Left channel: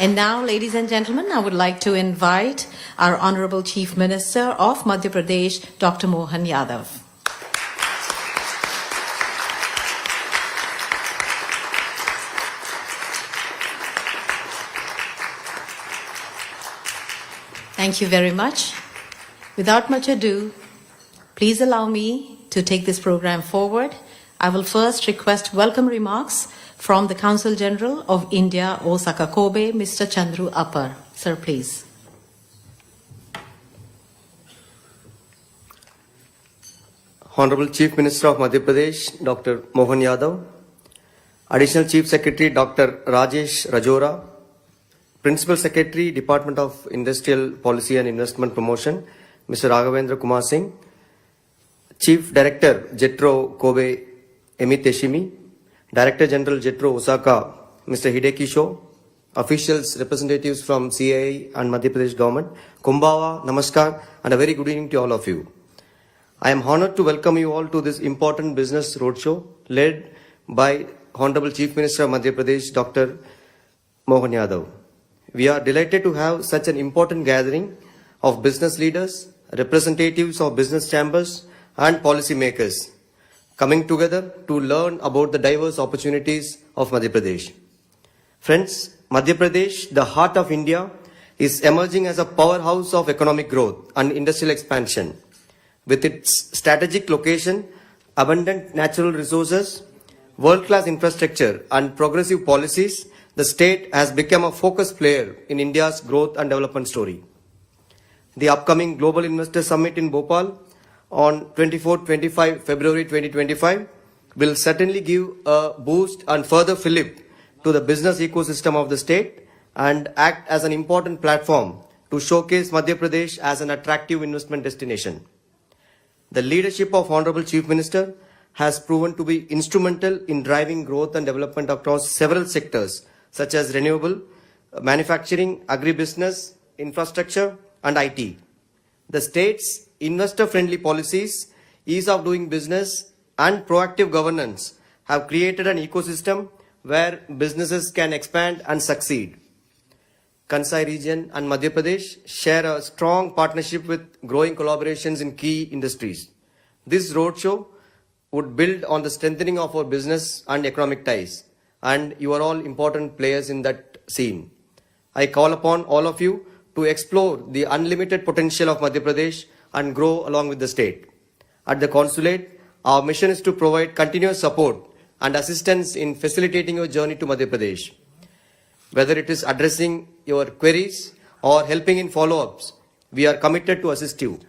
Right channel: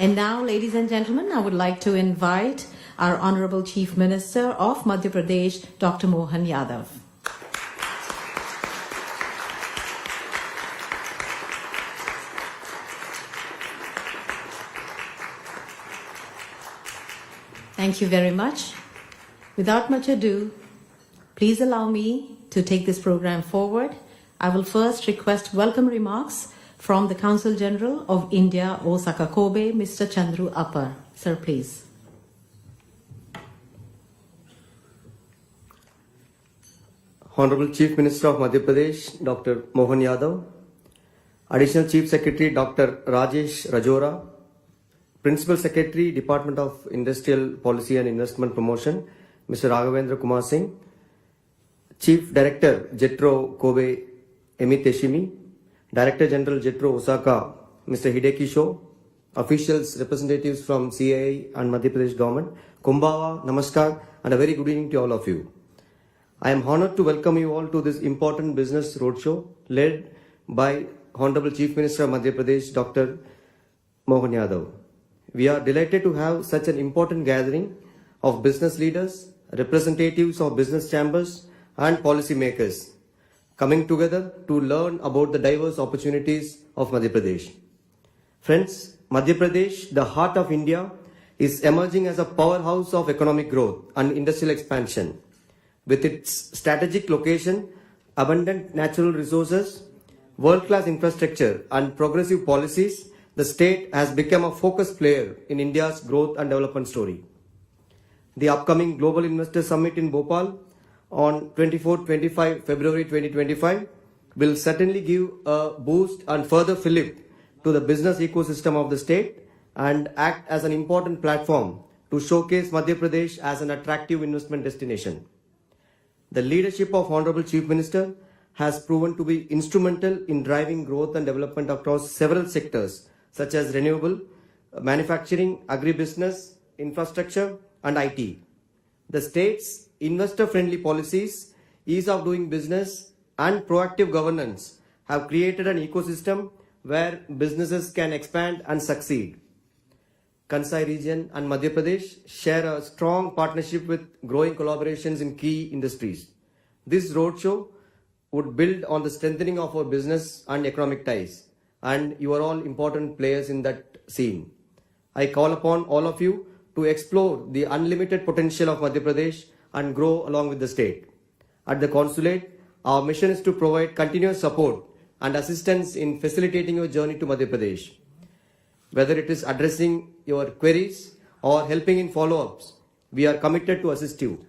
And now, ladies and gentlemen, I would like to invite our Honorable Chief Minister of Madhya Pradesh, Dr. Mohan Yadav. Thank you very much. Without much ado, please allow me to take this program forward. I will first request welcome remarks from the Consul General of India, Osaka, Kobe, Mr. Chandru Appar. Sir, please. Honorable Chief Minister of Madhya Pradesh, Dr. Mohan Yadav, Additional Chief Secretary, Dr. Rajesh Rajora, Principal Secretary, Department of Industrial Policy and Investment Promotion, Mr. Raghavendra Kumar Singh, Chief Director, Jetro Kobe Emiteshimi, Director General Jetro Osaka, Mr. Hideki Sho, officials, representatives from CII and Madhya Pradesh government, Kumbawa, Namaskar, and a very good evening to all of you. I am honored to welcome you all to this important business roadshow led by Honorable Chief Minister of Madhya Pradesh, Dr. Mohan Yadav. We are delighted to have such an important gathering of business leaders, representatives of business chambers, and policy makers coming together to learn about the diverse opportunities of Madhya Pradesh. Friends, Madhya Pradesh, the heart of India, is emerging as a powerhouse of economic growth and industrial expansion. With its strategic location, abundant natural resources, world-class infrastructure, and progressive policies, the state has become a focus player in India's growth and development story. The upcoming Global Investor Summit in Bhopal on 24-25 February 2025 will certainly give a boost and further fillip to the business ecosystem of the state and act as an important platform to showcase Madhya Pradesh as an attractive investment destination. The leadership of Honorable Chief Minister has proven to be instrumental in driving growth and development across several sectors such as renewable, manufacturing, agribusiness, infrastructure, and IT. The state's investor-friendly policies, ease of doing business, and proactive governance have created an ecosystem where businesses can expand and succeed. Kansai region and Madhya Pradesh share a strong partnership with growing collaborations in key industries. This roadshow would build on the strengthening of our business and economic ties, and you are all important players in that scene. I call upon all of you to explore the unlimited potential of Madhya Pradesh and grow along with the state. At the consulate, our mission is to provide continuous support and assistance in facilitating your journey to Madhya Pradesh. Whether it is addressing your queries or helping in follow-ups, we are committed to assist you.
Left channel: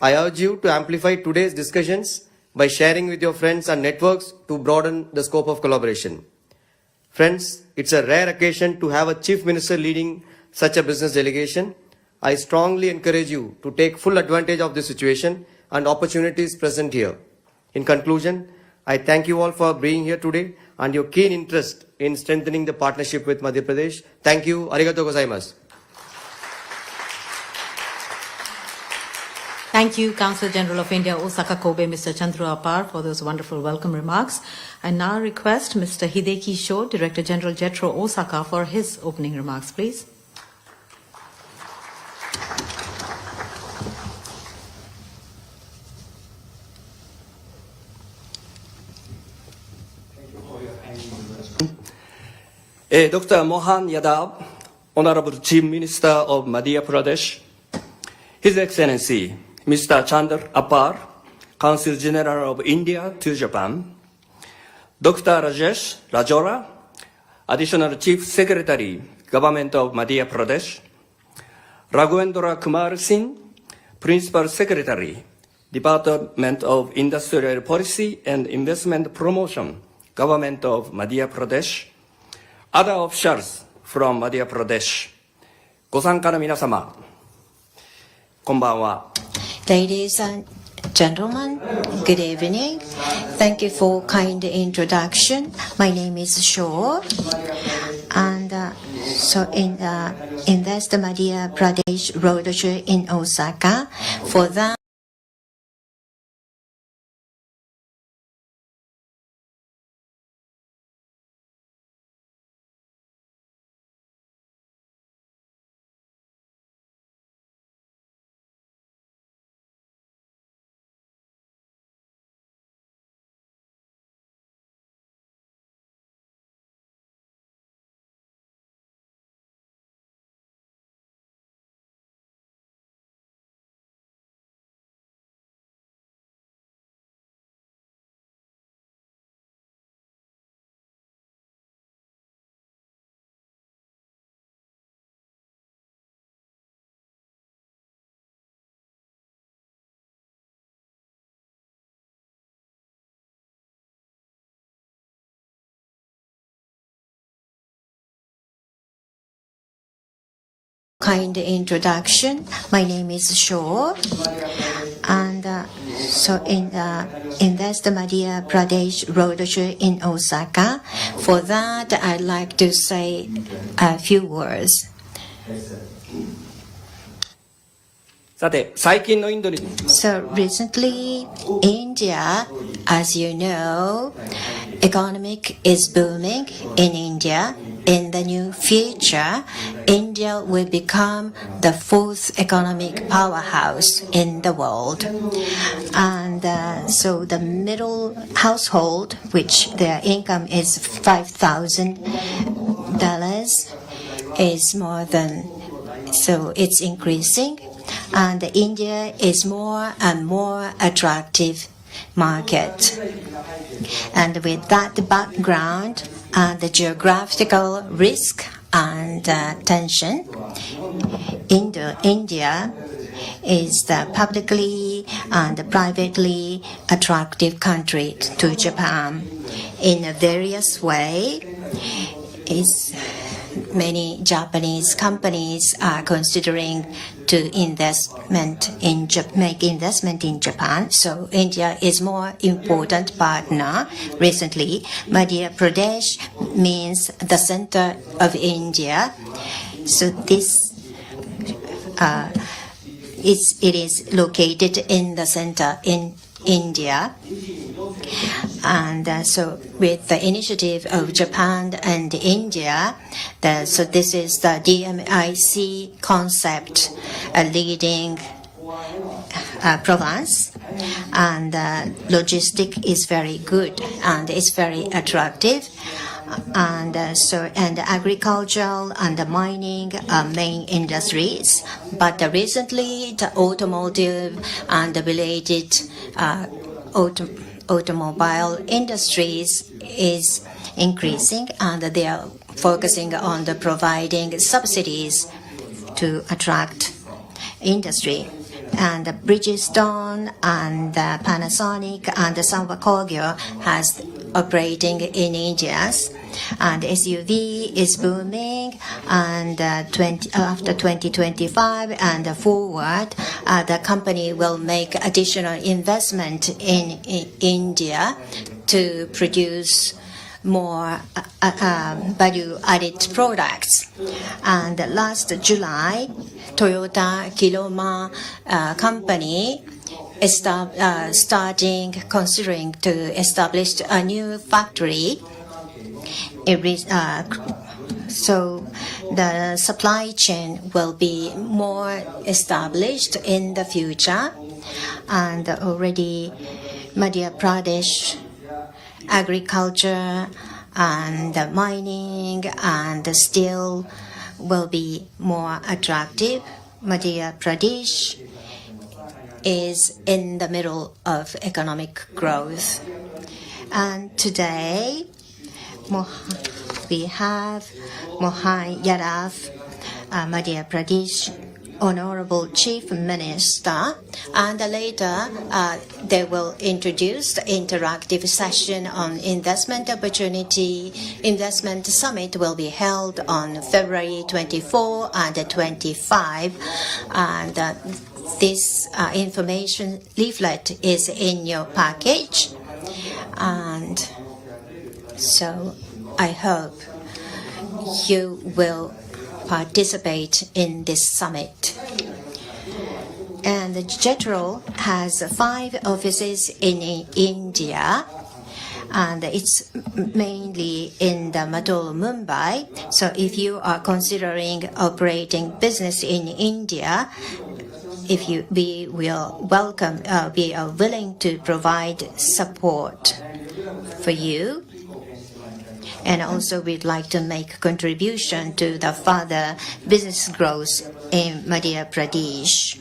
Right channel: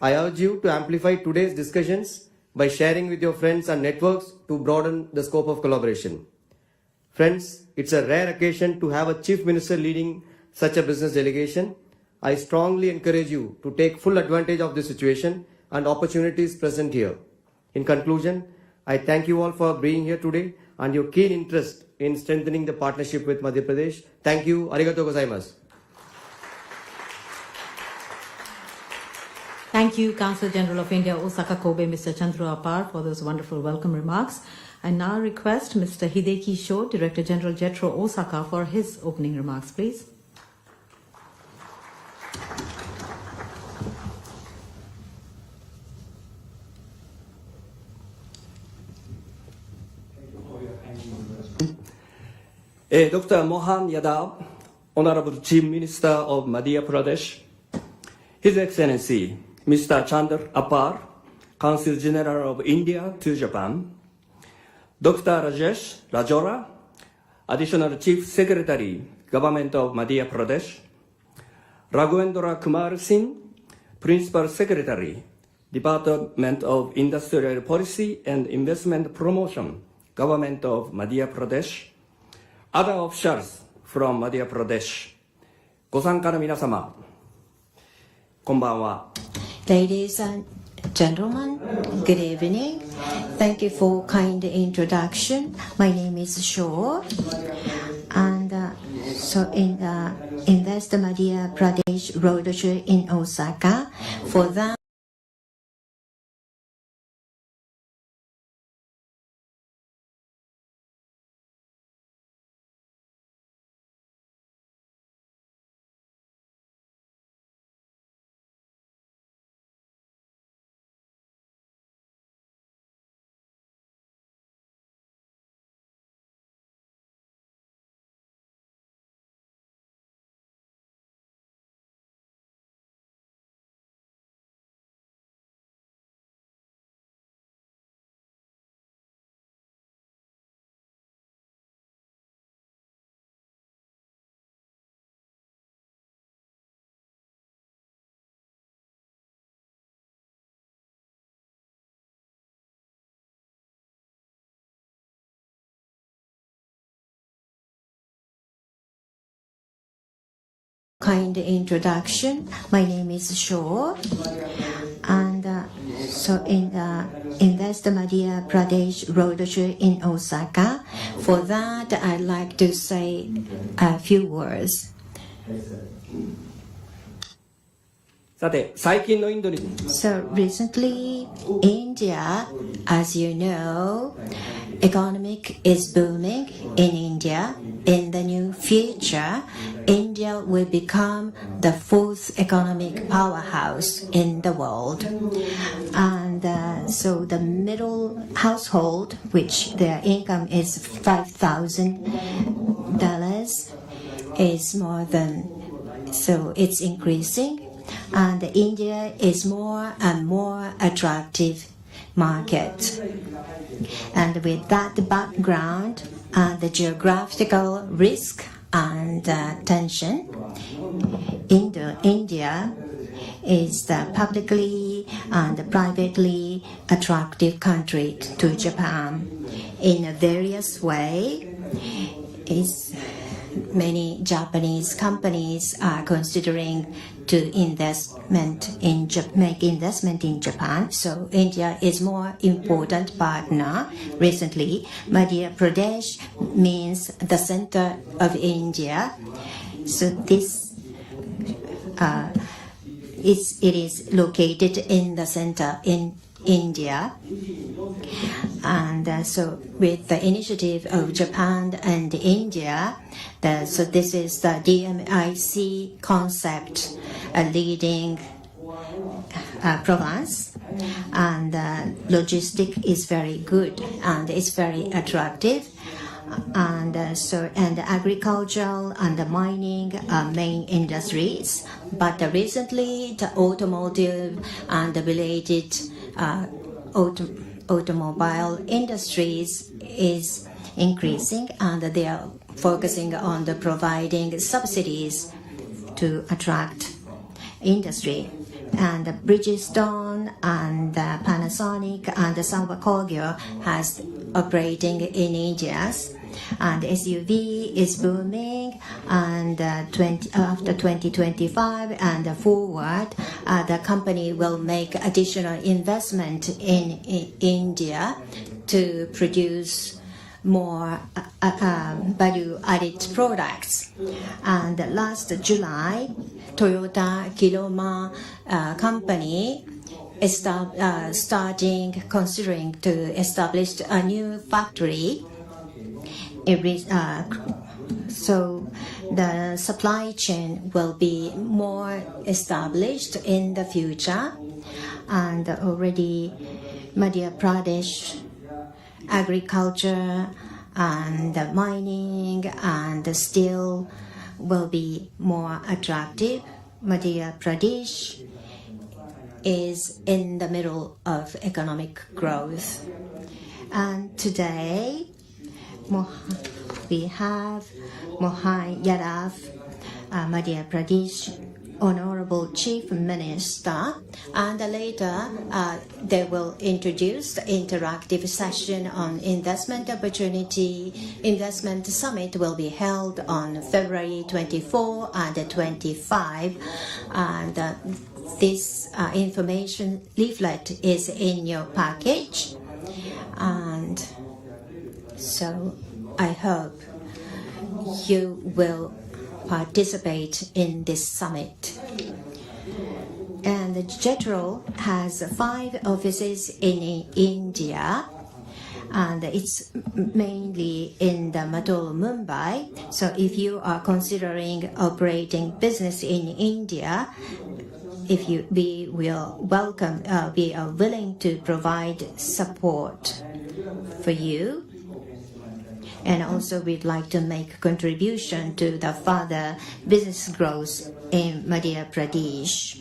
I urge you to amplify today's discussions by sharing with your friends and networks to broaden the scope of collaboration. Friends, it's a rare occasion to have a Chief Minister leading such a business delegation. I strongly encourage you to take full advantage of this situation and opportunities present here. In conclusion, I thank you all for being here today and your keen interest in strengthening the partnership with Madhya Pradesh. Thank you. Arigato gozaimasu. Thank you, Consul General of India, Osaka, Kobe, Mr. Chandru Appar, for those wonderful welcome remarks. I now request Mr. Hideki Sho, Director General Jetro Osaka, for his opening remarks, please. Dr. Mohan Yadav, Honorable Chief Minister of Madhya Pradesh, His Excellency Mr. Chandru Appar, Consul General of India to Japan, Dr. Rajesh Rajora, Additional Chief Secretary, Government of Madhya Pradesh, Raghavendra Kumar Singh, Principal Secretary, Department of Industrial Policy and Investment Promotion, Government of Madhya Pradesh, other officials from Madhya Pradesh, ご参加の皆様、こんばんは。Ladies and gentlemen, good evening. Thank you for kind introduction. My name is Shaw. And so in the Invest Madhya Pradesh Roadshow in Osaka, for that, kind introduction. My name is Shaw. And so in that's the Madhya Pradesh Roadshow in Osaka. For that, I'd like to say a few words. さて、最近のインドに So recently, India, as you know, economic is booming in India. In the near future, India will become the fourth economic powerhouse in the world. And so the middle household, which their income is $5,000, is more than, so it's increasing. And India is more and more attractive market. And with that background and the geographical risk and tension, India is the publicly and privately attractive country to Japan. In a various way, many Japanese companies are considering to make investment in Japan. So India is more important partner. Recently, Madhya Pradesh means the center of India. So this it is located in the center in India. And so with the initiative of Japan and India, so this is the DMIC concept, a leading province, and logistic is very good and it's very attractive. And agricultural and the mining are main industries. But recently, the automotive and the related automobile industries is increasing, and they are focusing on the providing subsidies to attract industry. And Bridgestone and Panasonic and Sanwa Kogyo has operating in India. And SUV is booming, and after 2025 and forward, the company will make additional investment in India to produce more value-added products. And last July, Toyota Kiloma company is considering to establish a new factory. So the supply chain will be more established in the future, and already Madhya Pradesh agriculture and mining and steel will be more attractive. Madhya Pradesh is in the middle of economic growth. And today, we have Mohan Yadav, Madhya Pradesh Honorable Chief Minister, and later they will introduce the interactive session on investment opportunity. Investment summit will be held on February 24 and 25, and this information leaflet is in your package. And so I hope you will participate in this summit. And Sectoral has 5 offices in India, and it's mainly in the Madhya Mumbai. So if you are considering operating business in India, we will welcome, we are willing to provide support for you. And also we'd like to make contribution to the further business growth in Madhya Pradesh.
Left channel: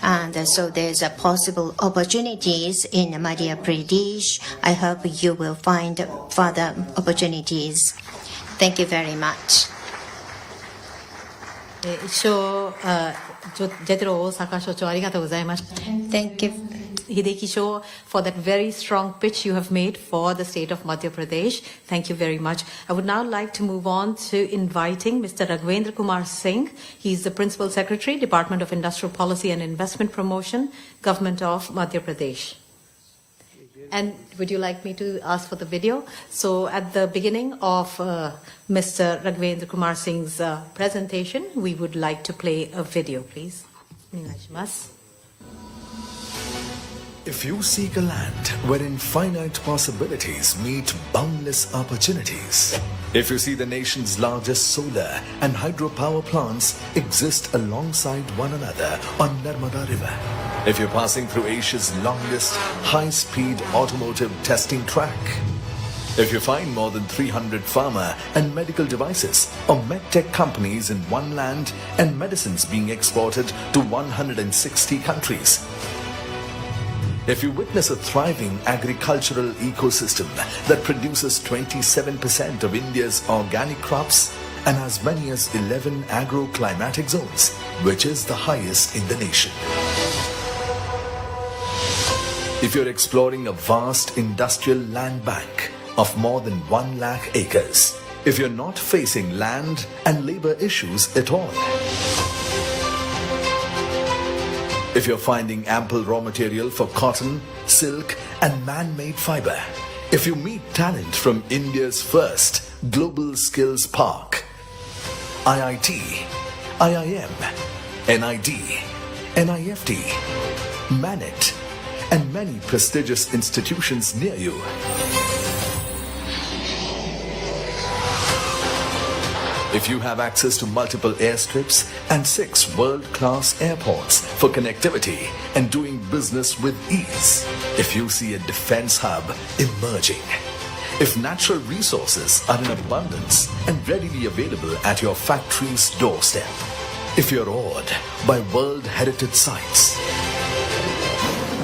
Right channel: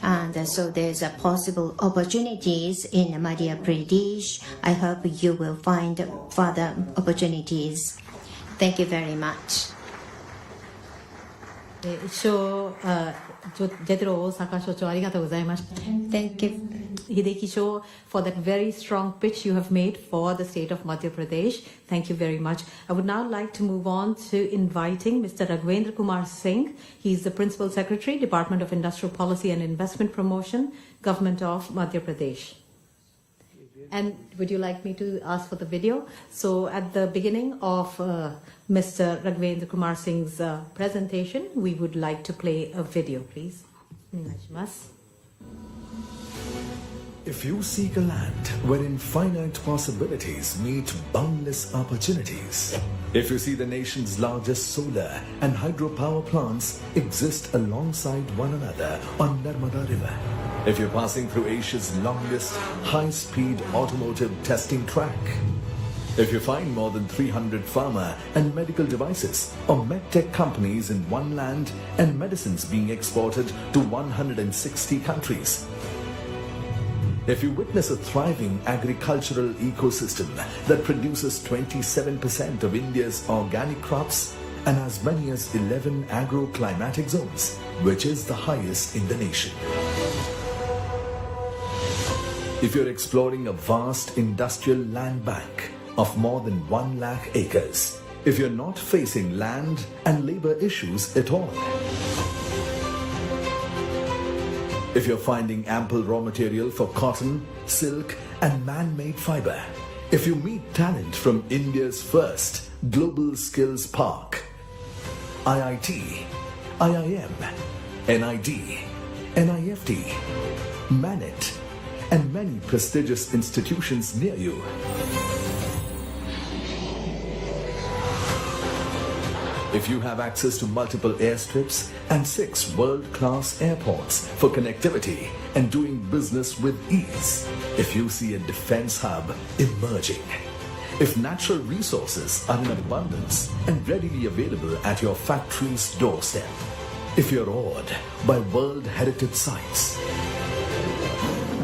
And so there's a possible opportunities in Madhya Pradesh. I hope you will find further opportunities. Thank you very much. 一生ジェトロ大阪所長ありがとうございました。 Thank you. Hideki Shore, for that very strong pitch you have made for the state of Madhya Pradesh. Thank you very much. I would now like to move on to inviting Mr. Raghvendra Kumar Singh. He's the Principal Secretary, Department of Industrial Policy and Investment Promotion, Government of Madhya Pradesh. And would you like me to ask for the video? So at the beginning of Mr. Raghvendra Kumar Singh's presentation, we would like to play a video, please. If you seek a land wherein finite possibilities meet boundless opportunities, if you see the nation's largest solar and hydropower plants exist alongside one another on Narmada River, if you're passing through Asia's longest high-speed automotive testing track, if you find more than 300 pharma and medical devices or medtech companies in one land and medicines being exported to 160 countries, if you witness a thriving agricultural ecosystem that produces 27% of India's organic crops and as many as 11 agroclimatic zones, which is the highest in the nation. If you're exploring a vast industrial land bank of more than 1 lakh acres, if you're not facing land and labor issues at all, if you're finding ample raw material for cotton, silk and man-made fiber, if you meet talent from India's first global skills park, IIT, IIM, NID, NIFT, MANET and many prestigious institutions near you, if you have access to multiple airstrips and 6 world-class airports for connectivity and doing business with ease, if you see a defense hub emerging, if natural resources are in abundance and readily available at your factory's doorstep, if you're awed by World Heritage Sites,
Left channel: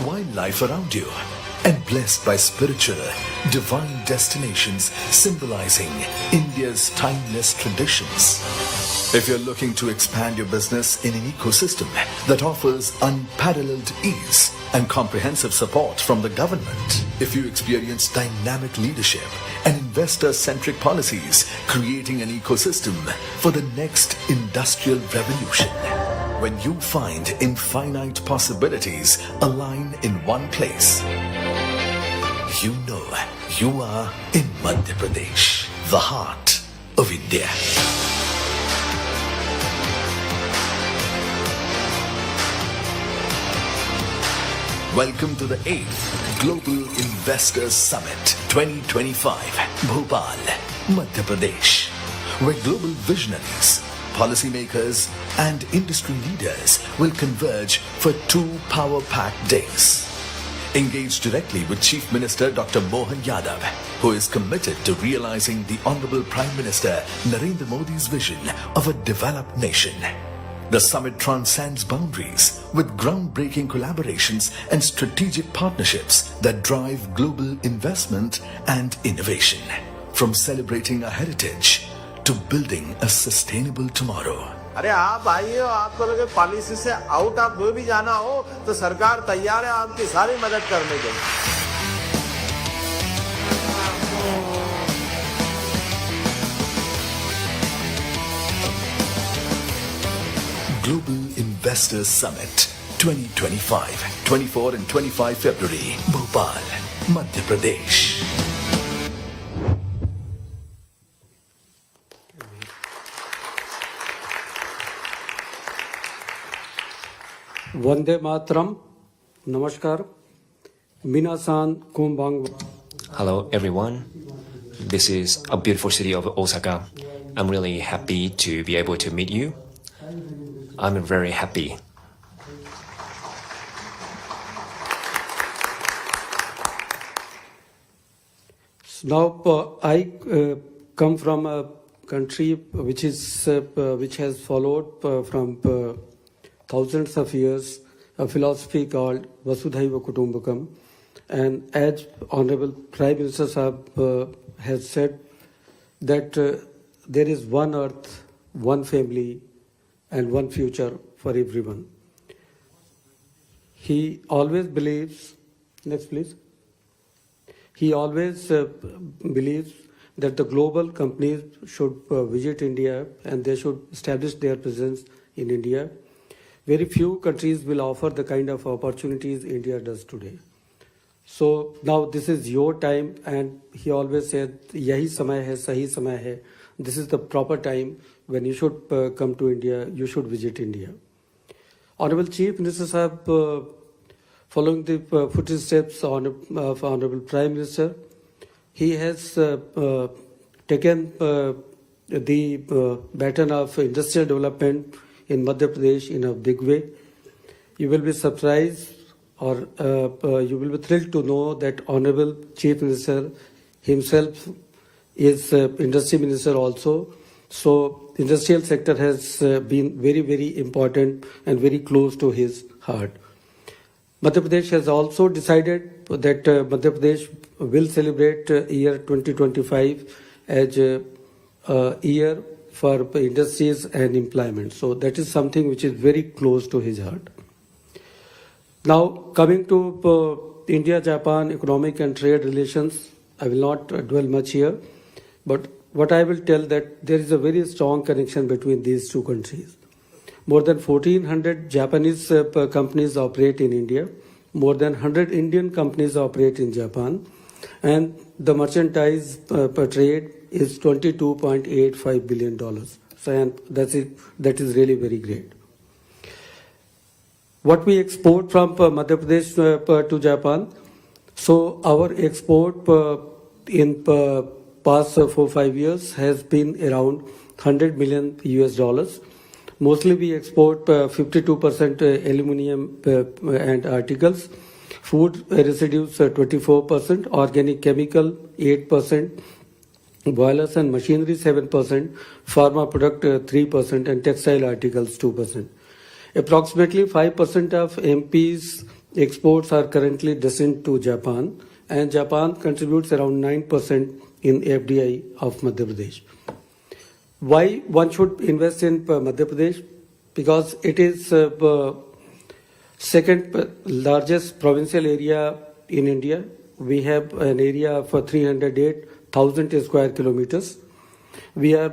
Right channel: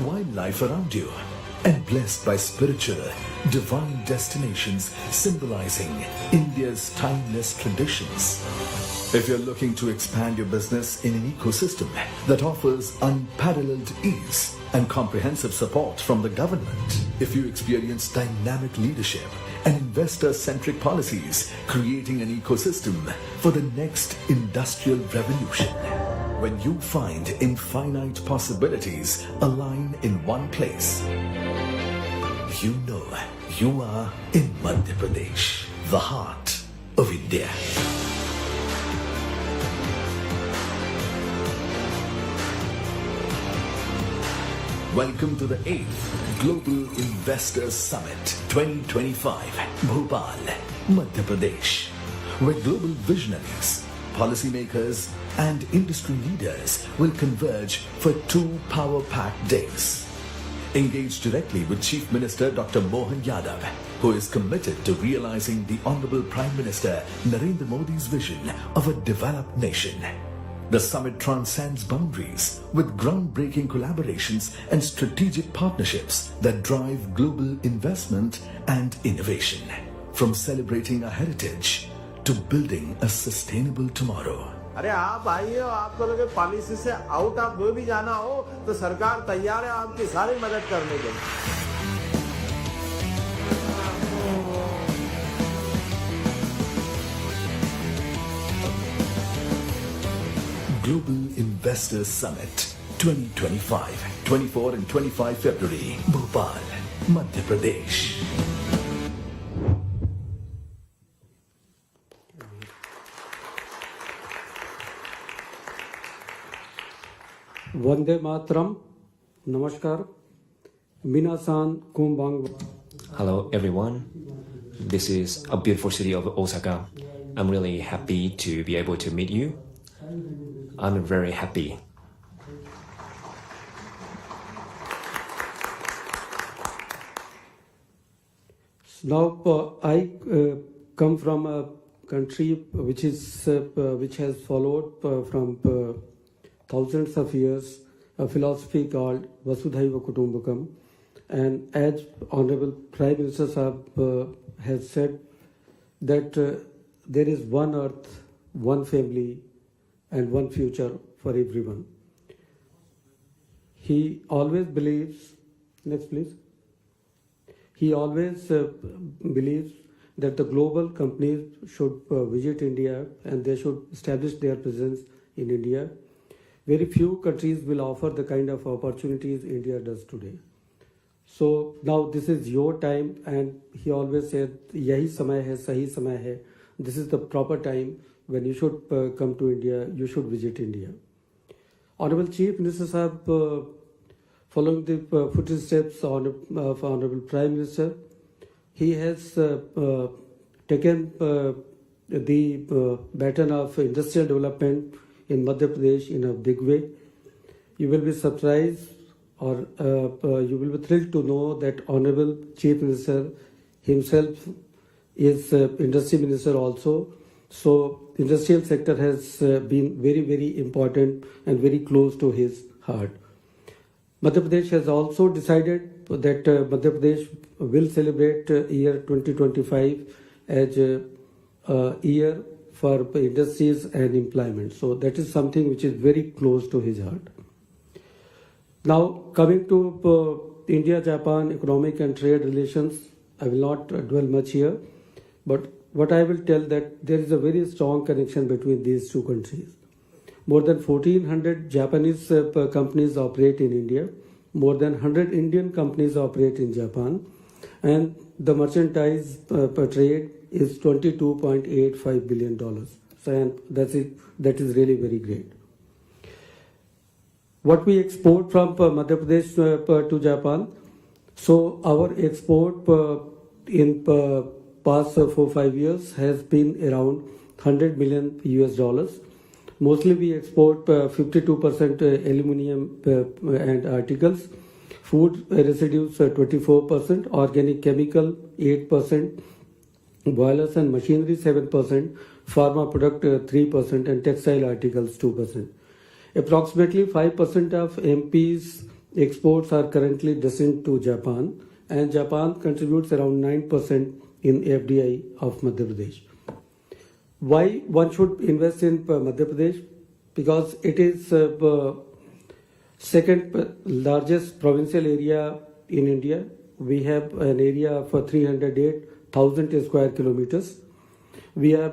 wildlife around you, and blessed by spiritual, divine destinations symbolizing India's timeless traditions. If you're looking to expand your business in an ecosystem that offers unparalleled ease and comprehensive support from the government, if you experience dynamic leadership and investor-centric policies creating an ecosystem for the next industrial revolution, when you find infinite possibilities align in one place, you know you are in Madhya Pradesh, the heart of India. Welcome to the 8th Global Investors Summit 2025, Bhopal, Madhya Pradesh, where global visionaries, policymakers and industry leaders will converge for 2 power-packed days. Engage directly with Chief Minister Dr. Mohan Yadav, who is committed to realizing the Honorable Prime Minister Narendra Modi's vision of a developed nation. The summit transcends boundaries with groundbreaking collaborations and strategic partnerships that drive global investment and innovation. From celebrating a heritage to building a sustainable tomorrow. अरे आप आइए, आपको लगे policy से out of वे भी जाना हो तो सरकार तैयार है आपकी सारी मदद करने के लिए. Global Investors Summit 2025, 24 and 25 February, Bhopal, Madhya Pradesh. Vande Matram, Namaskar, Minasan Kumbang. Hello everyone, this is a beautiful city of Osaka. I'm really happy to be able to meet you. I'm very happy. Now I come from a country which has followed from thousands of years a philosophy called Vasudhaiva Kutumbakam, and as Honorable Prime Minister Sahab has said that there is one earth, one family and one future for everyone. He always believes Next, please. He always believes that the global companies should visit India and they should establish their presence in India. Very few countries will offer the kind of opportunities India does today. So now this is your time, and he always said, "Yahi samay hai, sahi samay hai." This is the proper time when you should come to India. You should visit India. Honorable Chief Minister Sahab, following the footsteps of Honorable Prime Minister, he has taken the baton of industrial development in Madhya Pradesh in a big way. You will be surprised or you will be thrilled to know that Honorable Chief Minister himself is Industry Minister also. So industrial sector has been very, very important and very close to his heart. Madhya Pradesh has also decided that Madhya Pradesh will celebrate year 2025 as a year for industries and employment. So that is something which is very close to his heart. Now coming to India-Japan economic and trade relations, I will not dwell much here, but what I will tell that there is a very strong connection between these two countries. More than 1,400 Japanese companies operate in India. More than 100 Indian companies operate in Japan. And the merchandise per trade is $22.85 billion. So, and that is really very great. What we export from Madhya Pradesh to Japan. So our export in past 4-5 years has been around $100 million US. Mostly we export 52% aluminum and articles, food residues 24%, organic chemical 8%, boilers and machinery 7%, pharma product 3%, and textile articles 2%. Approximately 5% of MP's exports are currently destined to Japan, and Japan contributes around 9% in FDI of Madhya Pradesh. Why one should invest in Madhya Pradesh? Because it is second largest provincial area in India. We have an area of 308,000 square kilometers. We are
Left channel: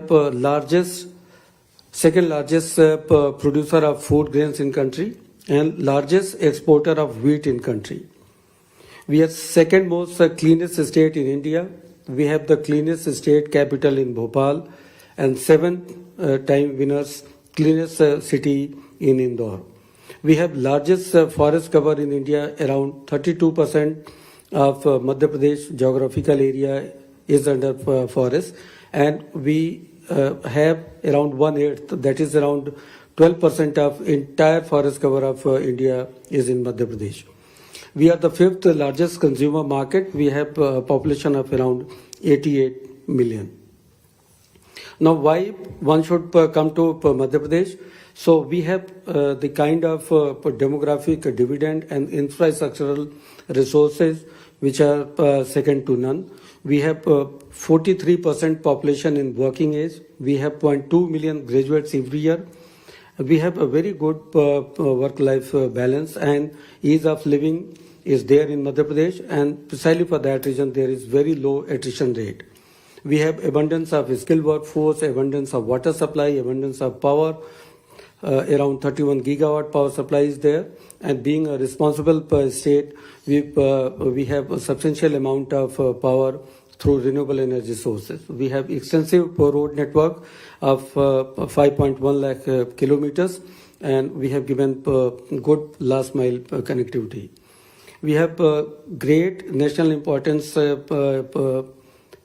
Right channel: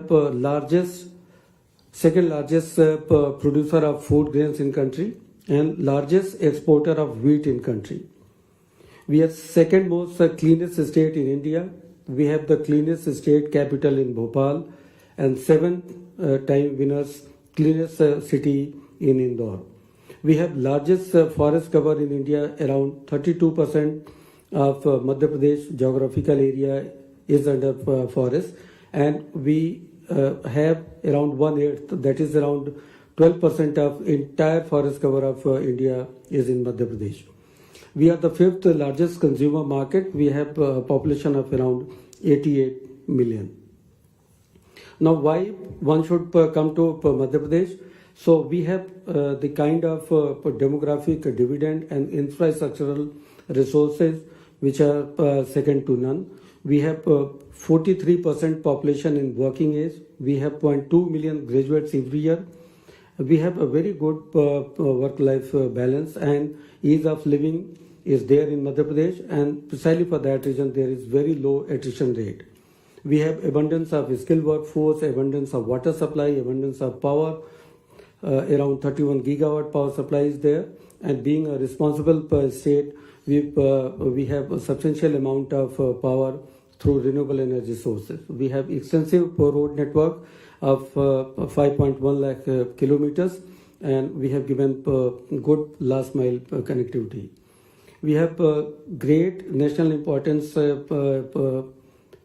second largest producer of food grains in country and largest exporter of wheat in country. We are second most cleanest state in India. We have the cleanest state capital in Bhopal, and 7-time winners cleanest city in Indore. We have largest forest cover in India. Around 32% of Madhya Pradesh geographical area is under forest, and we have around 1/8, that is around 12% of entire forest cover of India is in Madhya Pradesh. We are the 5th largest consumer market. We have a population of around 88 million. Now, why one should come to Madhya Pradesh? So we have the kind of demographic dividend and infrastructural resources which are second to none. We have 43% population in working age. We have 0.2 million graduates every year. We have a very good work-life balance, and ease of living is there in Madhya Pradesh, and precisely for that reason there is very low attrition rate. We have abundance of skilled workforce, abundance of water supply, abundance of power. Around 31 gigawatt power supply is there, and being a responsible state, we have a substantial amount of power through renewable energy sources. We have extensive road network of 5.1 lakh kilometers, and we have given good last mile connectivity. We have great national importance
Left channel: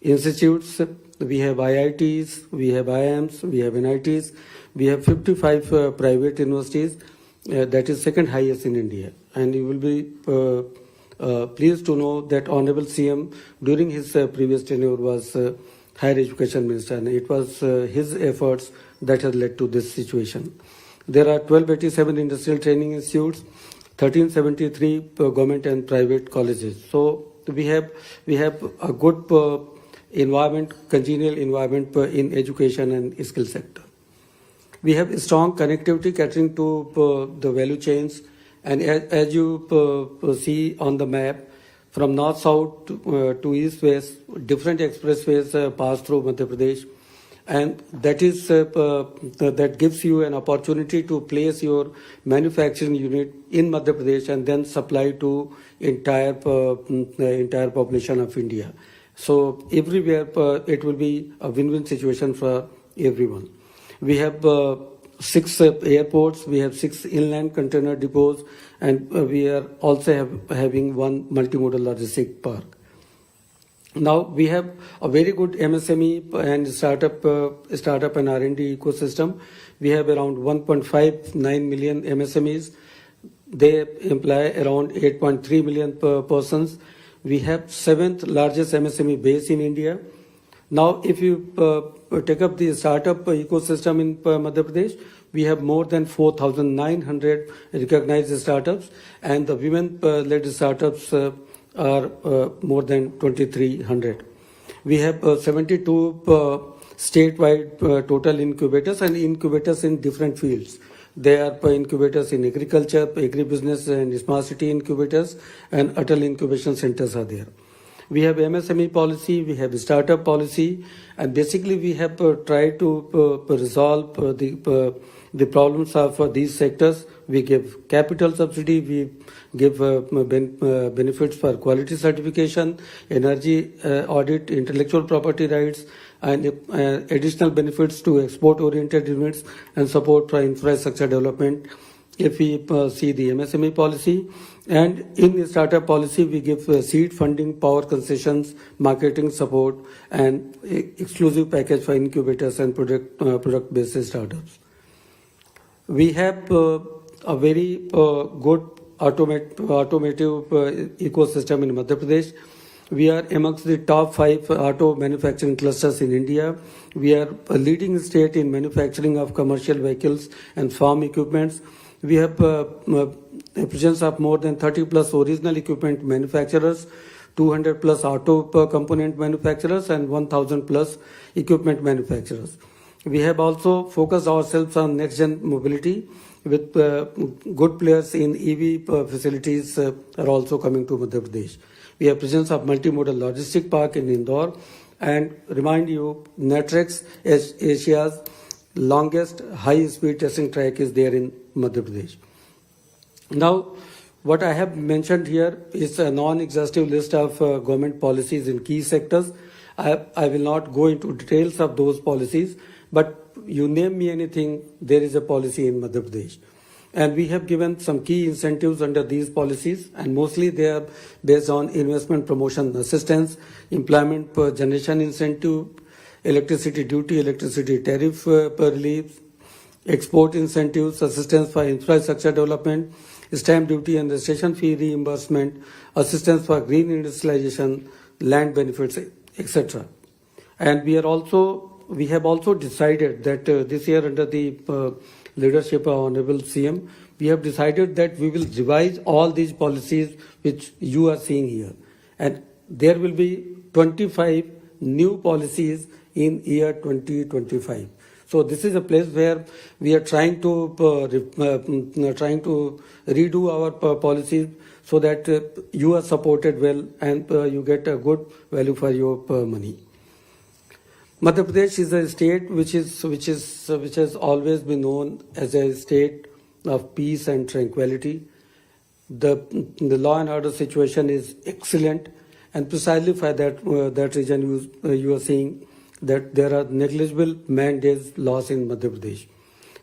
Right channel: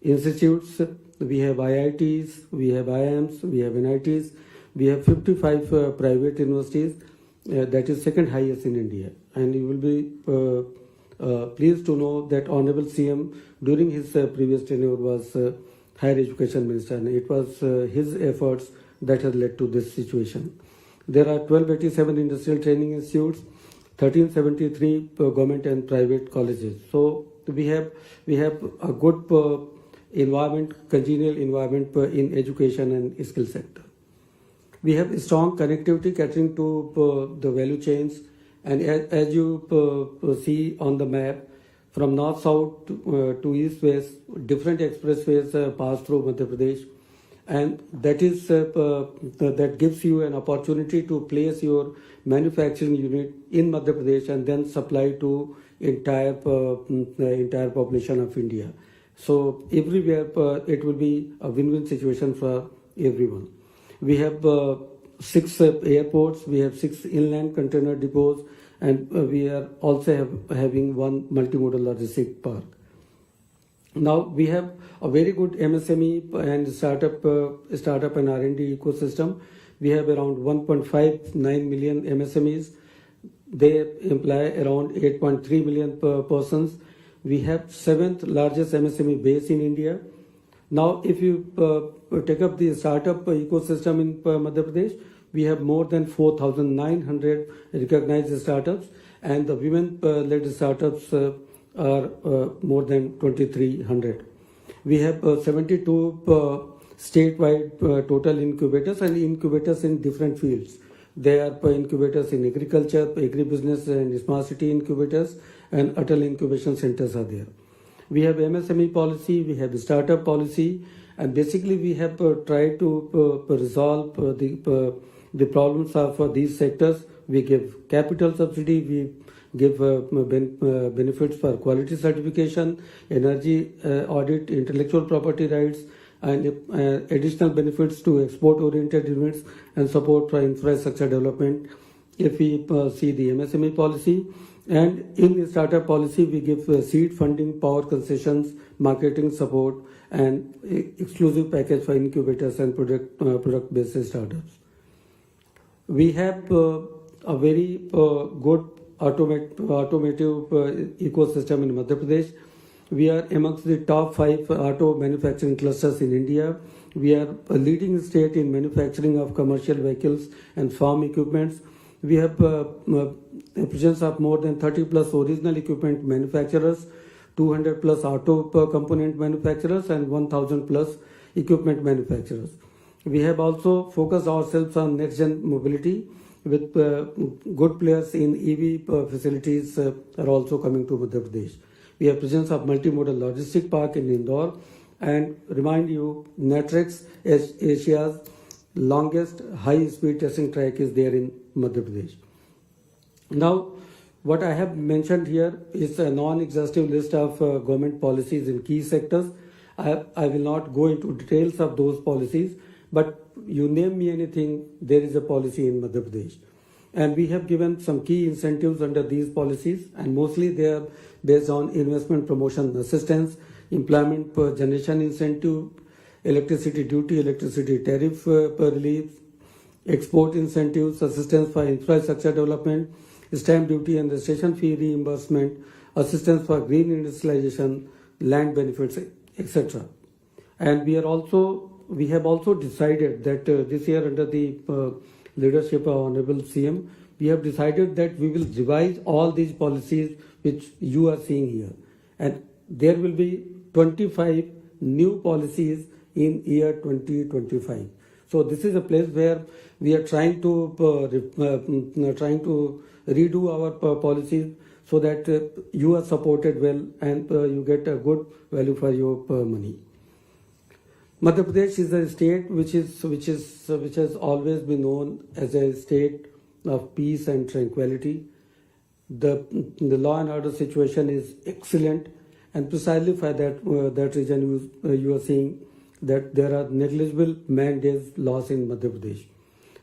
institutes. We have IITs, we have IIMs, we have NITs, we have 55 private universities. That is second highest in India. And you will be pleased to know that Honorable CM during his previous tenure was Higher Education Minister, and it was his efforts that has led to this situation. There are 1287 industrial training institutes, 1373 government and private colleges. So we have a good environment, congenial environment in education and skill sector. We have strong connectivity catering to the value chains, and as you see on the map, from north-south to east-west, different expressways pass through Madhya Pradesh. And that gives you an opportunity to place your manufacturing unit in Madhya Pradesh and then supply to entire population of India. So everywhere it will be a win-win situation for everyone. We have 6 airports, we have 6 inland container depots, and we are also having 1 multimodal logistic park. Now we have a very good MSME and startup and R&D ecosystem. We have around 1.59 million MSMEs. They employ around 8.3 million persons. We have 7th largest MSME base in India. Now, if you take up the startup ecosystem in Madhya Pradesh, we have more than 4,900 recognized startups, and the women-led startups are more than 2,300. We have 72 statewide total incubators, and incubators in different fields. They are incubators in agriculture, agribusiness and smart city incubators, and Atal incubation centers are there. We have MSME policy, we have startup policy, and basically we have tried to resolve the problems of these sectors. We give capital subsidy, we give benefits for quality certification, energy audit, intellectual property rights, and additional benefits to export-oriented units and support for infrastructure development. If we see the MSME policy, and in the startup policy, we give seed funding, power concessions, marketing support, and exclusive package for incubators and product-based startups. We have a very good automotive ecosystem in Madhya Pradesh. We are amongst the top 5 auto manufacturing clusters in India. We are a leading state in manufacturing of commercial vehicles and farm equipments. We have a presence of more than 30 plus original equipment manufacturers, 200 plus auto component manufacturers, and 1,000 plus equipment manufacturers. We have also focused ourselves on next-gen mobility with good players in EV facilities are also coming to Madhya Pradesh. We have presence of multimodal logistic park in Indore, and remind you, Netrex is Asia's longest high-speed testing track is there in Madhya Pradesh. Now, what I have mentioned here is a non-exhaustive list of government policies in key sectors. I will not go into details of those policies, but you name me anything, there is a policy in Madhya Pradesh. And we have given some key incentives under these policies, and mostly they are based on investment promotion assistance, employment per generation incentive, electricity duty, electricity tariff relief, export incentives, assistance for infrastructure development, stamp duty and registration fee reimbursement, assistance for green industrialization, land benefits, etc. And we have also decided that this year under the leadership of Honorable CM, we have decided that we will revise all these policies which you are seeing here. And there will be 25 new policies in year 2025. So this is a place where we are trying to redo our policies so that you are supported well and you get a good value for your money. Madhya Pradesh is a state which has always been known as a state of peace and tranquility. The law and order situation is excellent, and precisely for that reason you are seeing that there are negligible man-days loss in Madhya Pradesh.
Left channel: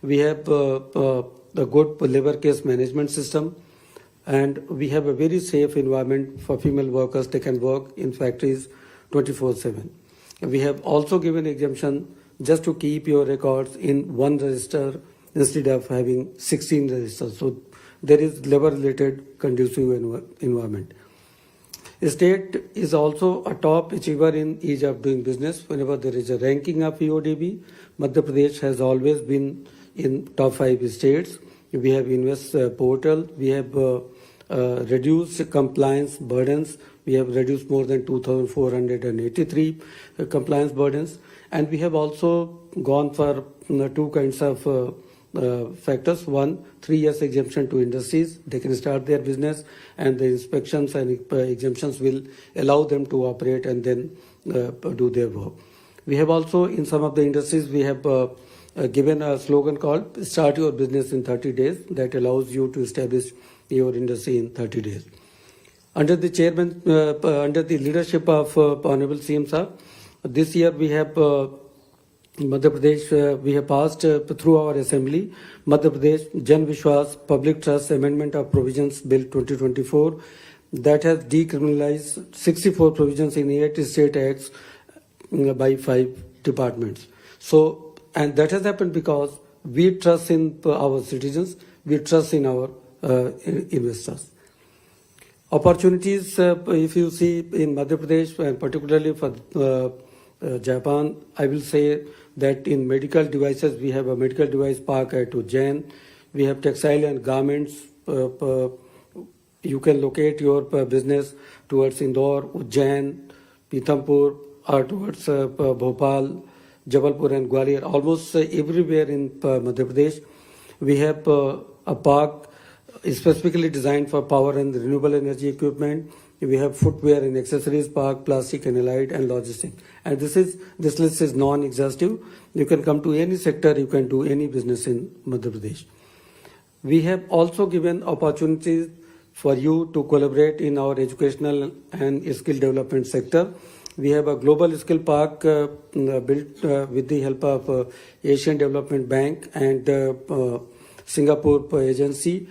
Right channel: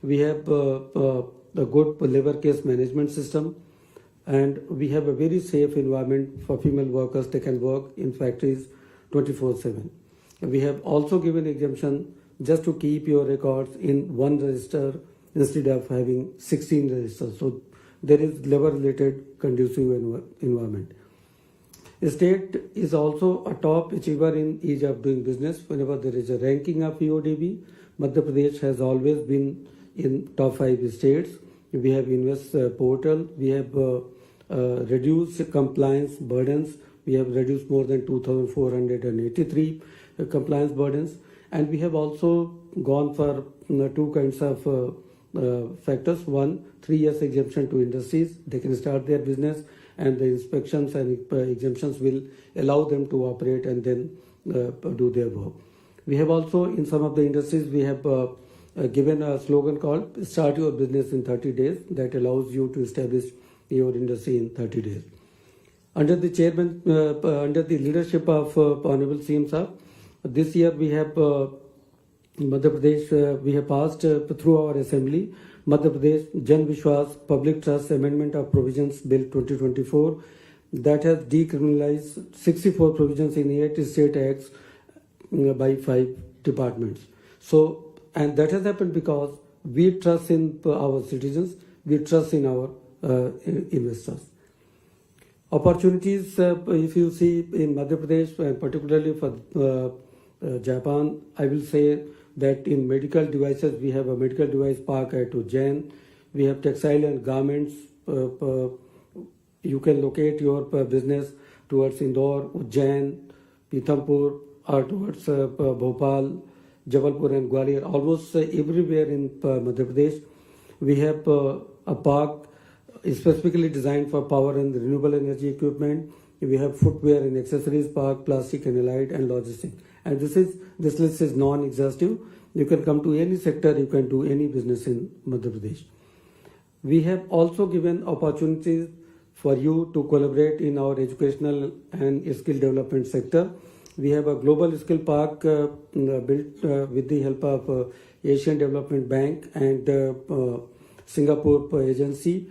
We have a good labor case management system, and we have a very safe environment for female workers. They can work in factories 24/7. We have also given exemption just to keep your records in one register instead of having 16 registers. So there is labor-related conducive environment. The state is also a top achiever in ease of doing business. Whenever there is a ranking of EODB, Madhya Pradesh has always been in top 5 states. We have Invest portal. We have reduced compliance burdens. We have reduced more than 2,483 compliance burdens. And we have also gone for 2 kinds of factors. One, 3 years exemption to industries. They can start their business. and the inspections and exemptions will allow them to operate and then do their work. We have also, in some of the industries, we have given a slogan called "Start Your Business in 30 Days" that allows you to establish your industry in 30 days. Under the chairman, under the leadership of Honorable CM Sir, this year we have Madhya Pradesh, we have passed through our assembly Madhya Pradesh Jan Vishwas Public Trust Amendment of Provisions Bill 2024 that has decriminalized 64 provisions in 8 state acts by 5 departments. So, and that has happened because we trust in our citizens, we trust in our investors. Opportunities, if you see in Madhya Pradesh, and particularly for Japan, I will say that in medical devices, we have a medical device park at Ujjain. We have textile and garments. You can locate your business towards Indore, Ujjain, Pithampur, or towards Bhopal, Jabalpur and Gwalior. Almost everywhere in Madhya Pradesh, we have a park specifically designed for power and renewable energy equipment. We have footwear and accessories park, plastic and allied, and logistics. And this list is non-exhaustive. You can come to any sector, you can do any business in Madhya Pradesh. We have also given opportunities for you to collaborate in our educational and skill development sector. We have a global skill park built with the help of Asian Development Bank and Singapore agency.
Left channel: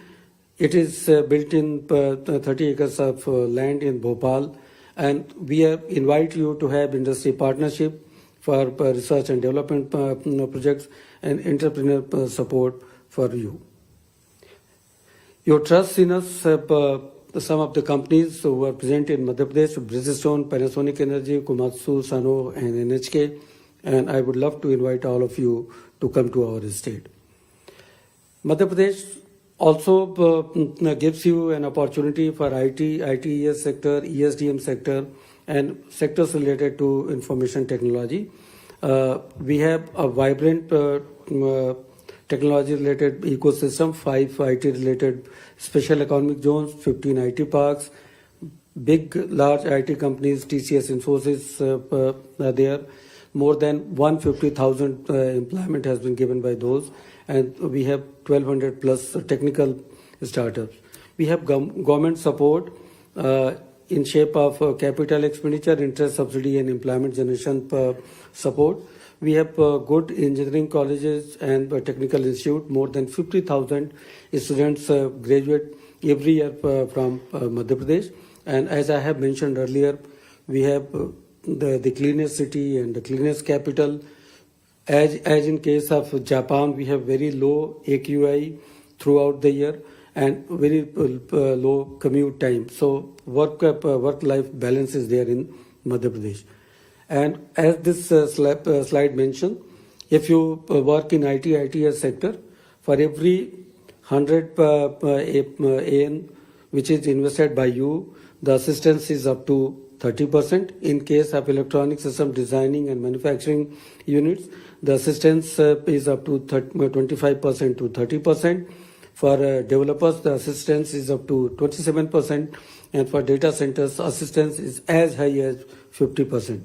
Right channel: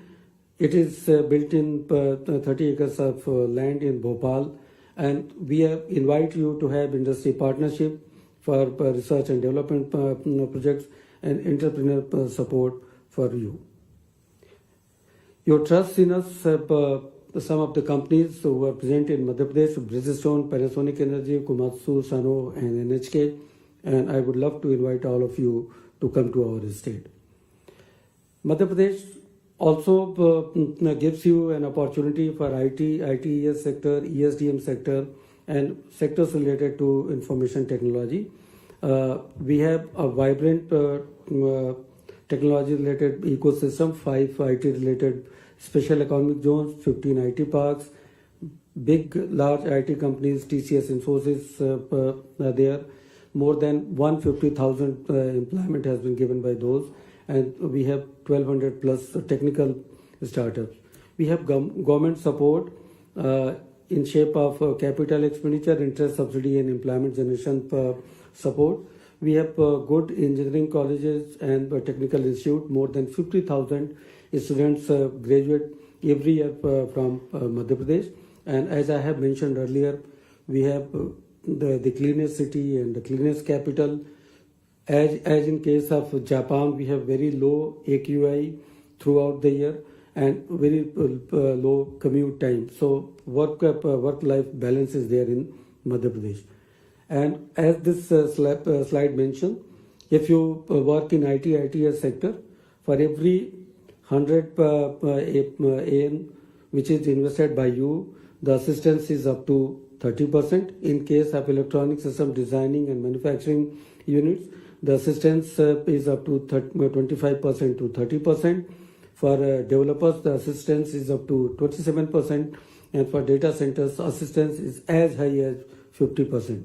It is built in 30 acres of land in Bhopal, and we invite you to have industry partnership for research and development projects and entrepreneur support for you. Your trust in us, some of the companies who are present in Madhya Pradesh, Bridgestone, Panasonic Energy, Komatsu, Sano and NHK, and I would love to invite all of you to come to our state. Madhya Pradesh also gives you an opportunity for IT, ITES sector, ESDM sector, and sectors related to information technology. We have a vibrant technology-related ecosystem, 5 IT-related special economic zones, 15 IT parks, big, large IT companies, TCS, Infosys are there. More than 150,000 employment has been given by those. And we have 1,200 plus technical startups. We have government support in shape of capital expenditure, interest subsidy and employment generation support. We have good engineering colleges and technical institute. More than 50,000 students graduate every year from Madhya Pradesh. And as I have mentioned earlier, we have the cleanest city and the cleanest capital. As in case of Japan, we have very low AQI throughout the year and very low commute time. So work-life balance is there in Madhya Pradesh. And as this slide mentioned, if you work in ITES sector, for every 100 AN which is invested by you, the assistance is up to 30%. In case of electronic system designing and manufacturing units, the assistance is up to 25% to 30%. For developers, the assistance is up to 27%. And for data centers, assistance is as high as 50%.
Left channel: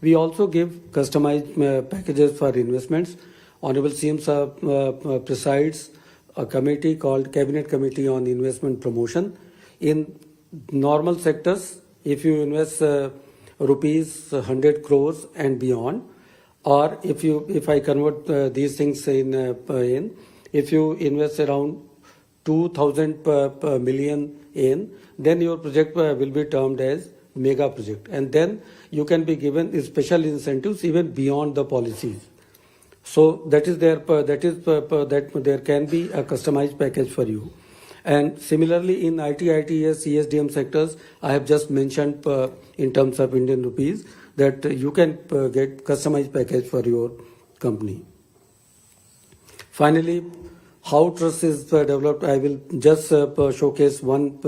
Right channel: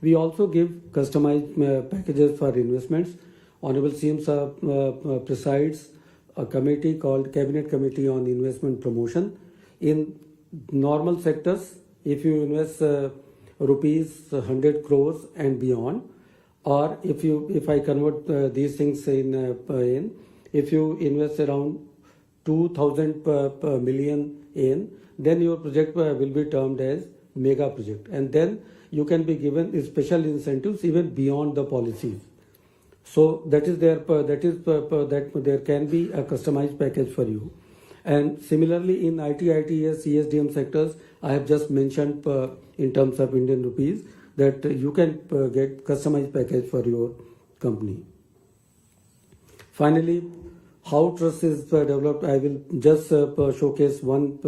We also give customized packages for investments. Honorable CM presides a committee called Cabinet Committee on Investment Promotion. In normal sectors, if you invest rupees 100 crores and beyond, or if I convert these things in, if you invest around 2,000 million in, then your project will be termed as mega project, and then you can be given special incentives even beyond the policies. So that is there. That there can be a customized package for you. And similarly, in IT, ITES, ESDM sectors, I have just mentioned in terms of Indian rupees, that you can get customized package for your company. Finally, how trust is developed, I will just showcase one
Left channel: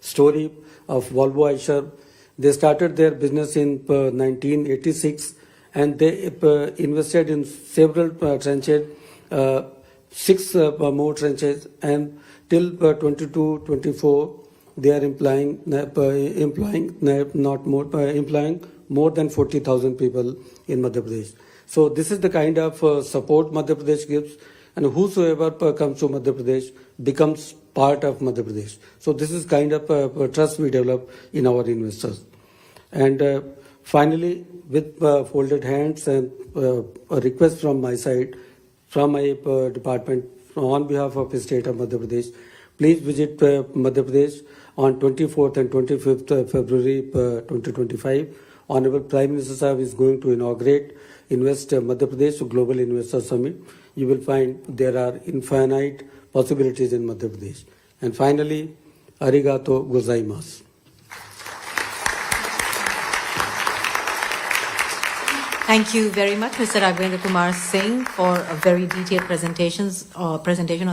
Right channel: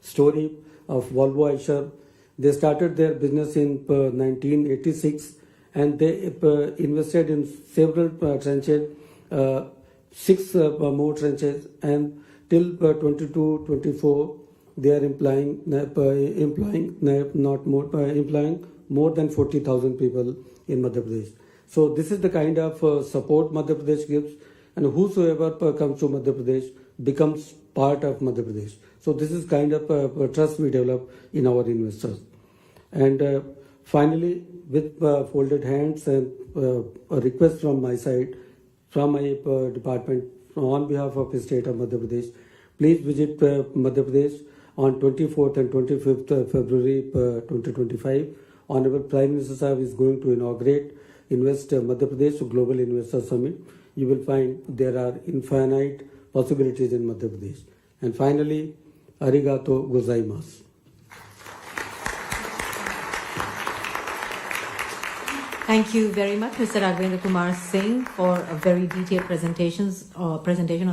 story of Volvo Eicher. They started their business in 1986 and they invested in several trenches, 6 more trenches, and till 22-24 they are employing more than 40,000 people in Madhya Pradesh. So this is the kind of support Madhya Pradesh gives, and whosoever comes to Madhya Pradesh becomes part of Madhya Pradesh. So this is kind of trust we develop in our investors. And finally, with folded hands and a request from my side, from my department, on behalf of the state of Madhya Pradesh, please visit Madhya Pradesh on 24th and 25th February 2025. Honorable Prime Minister Sahib is going to inaugurate Invest Madhya Pradesh Global Investor Summit. You will find there are infinite possibilities in Madhya Pradesh. And finally, arigato gozaimasu. Thank you very much, Mr. Raghvendra Kumar Singh, for a very detailed presentation on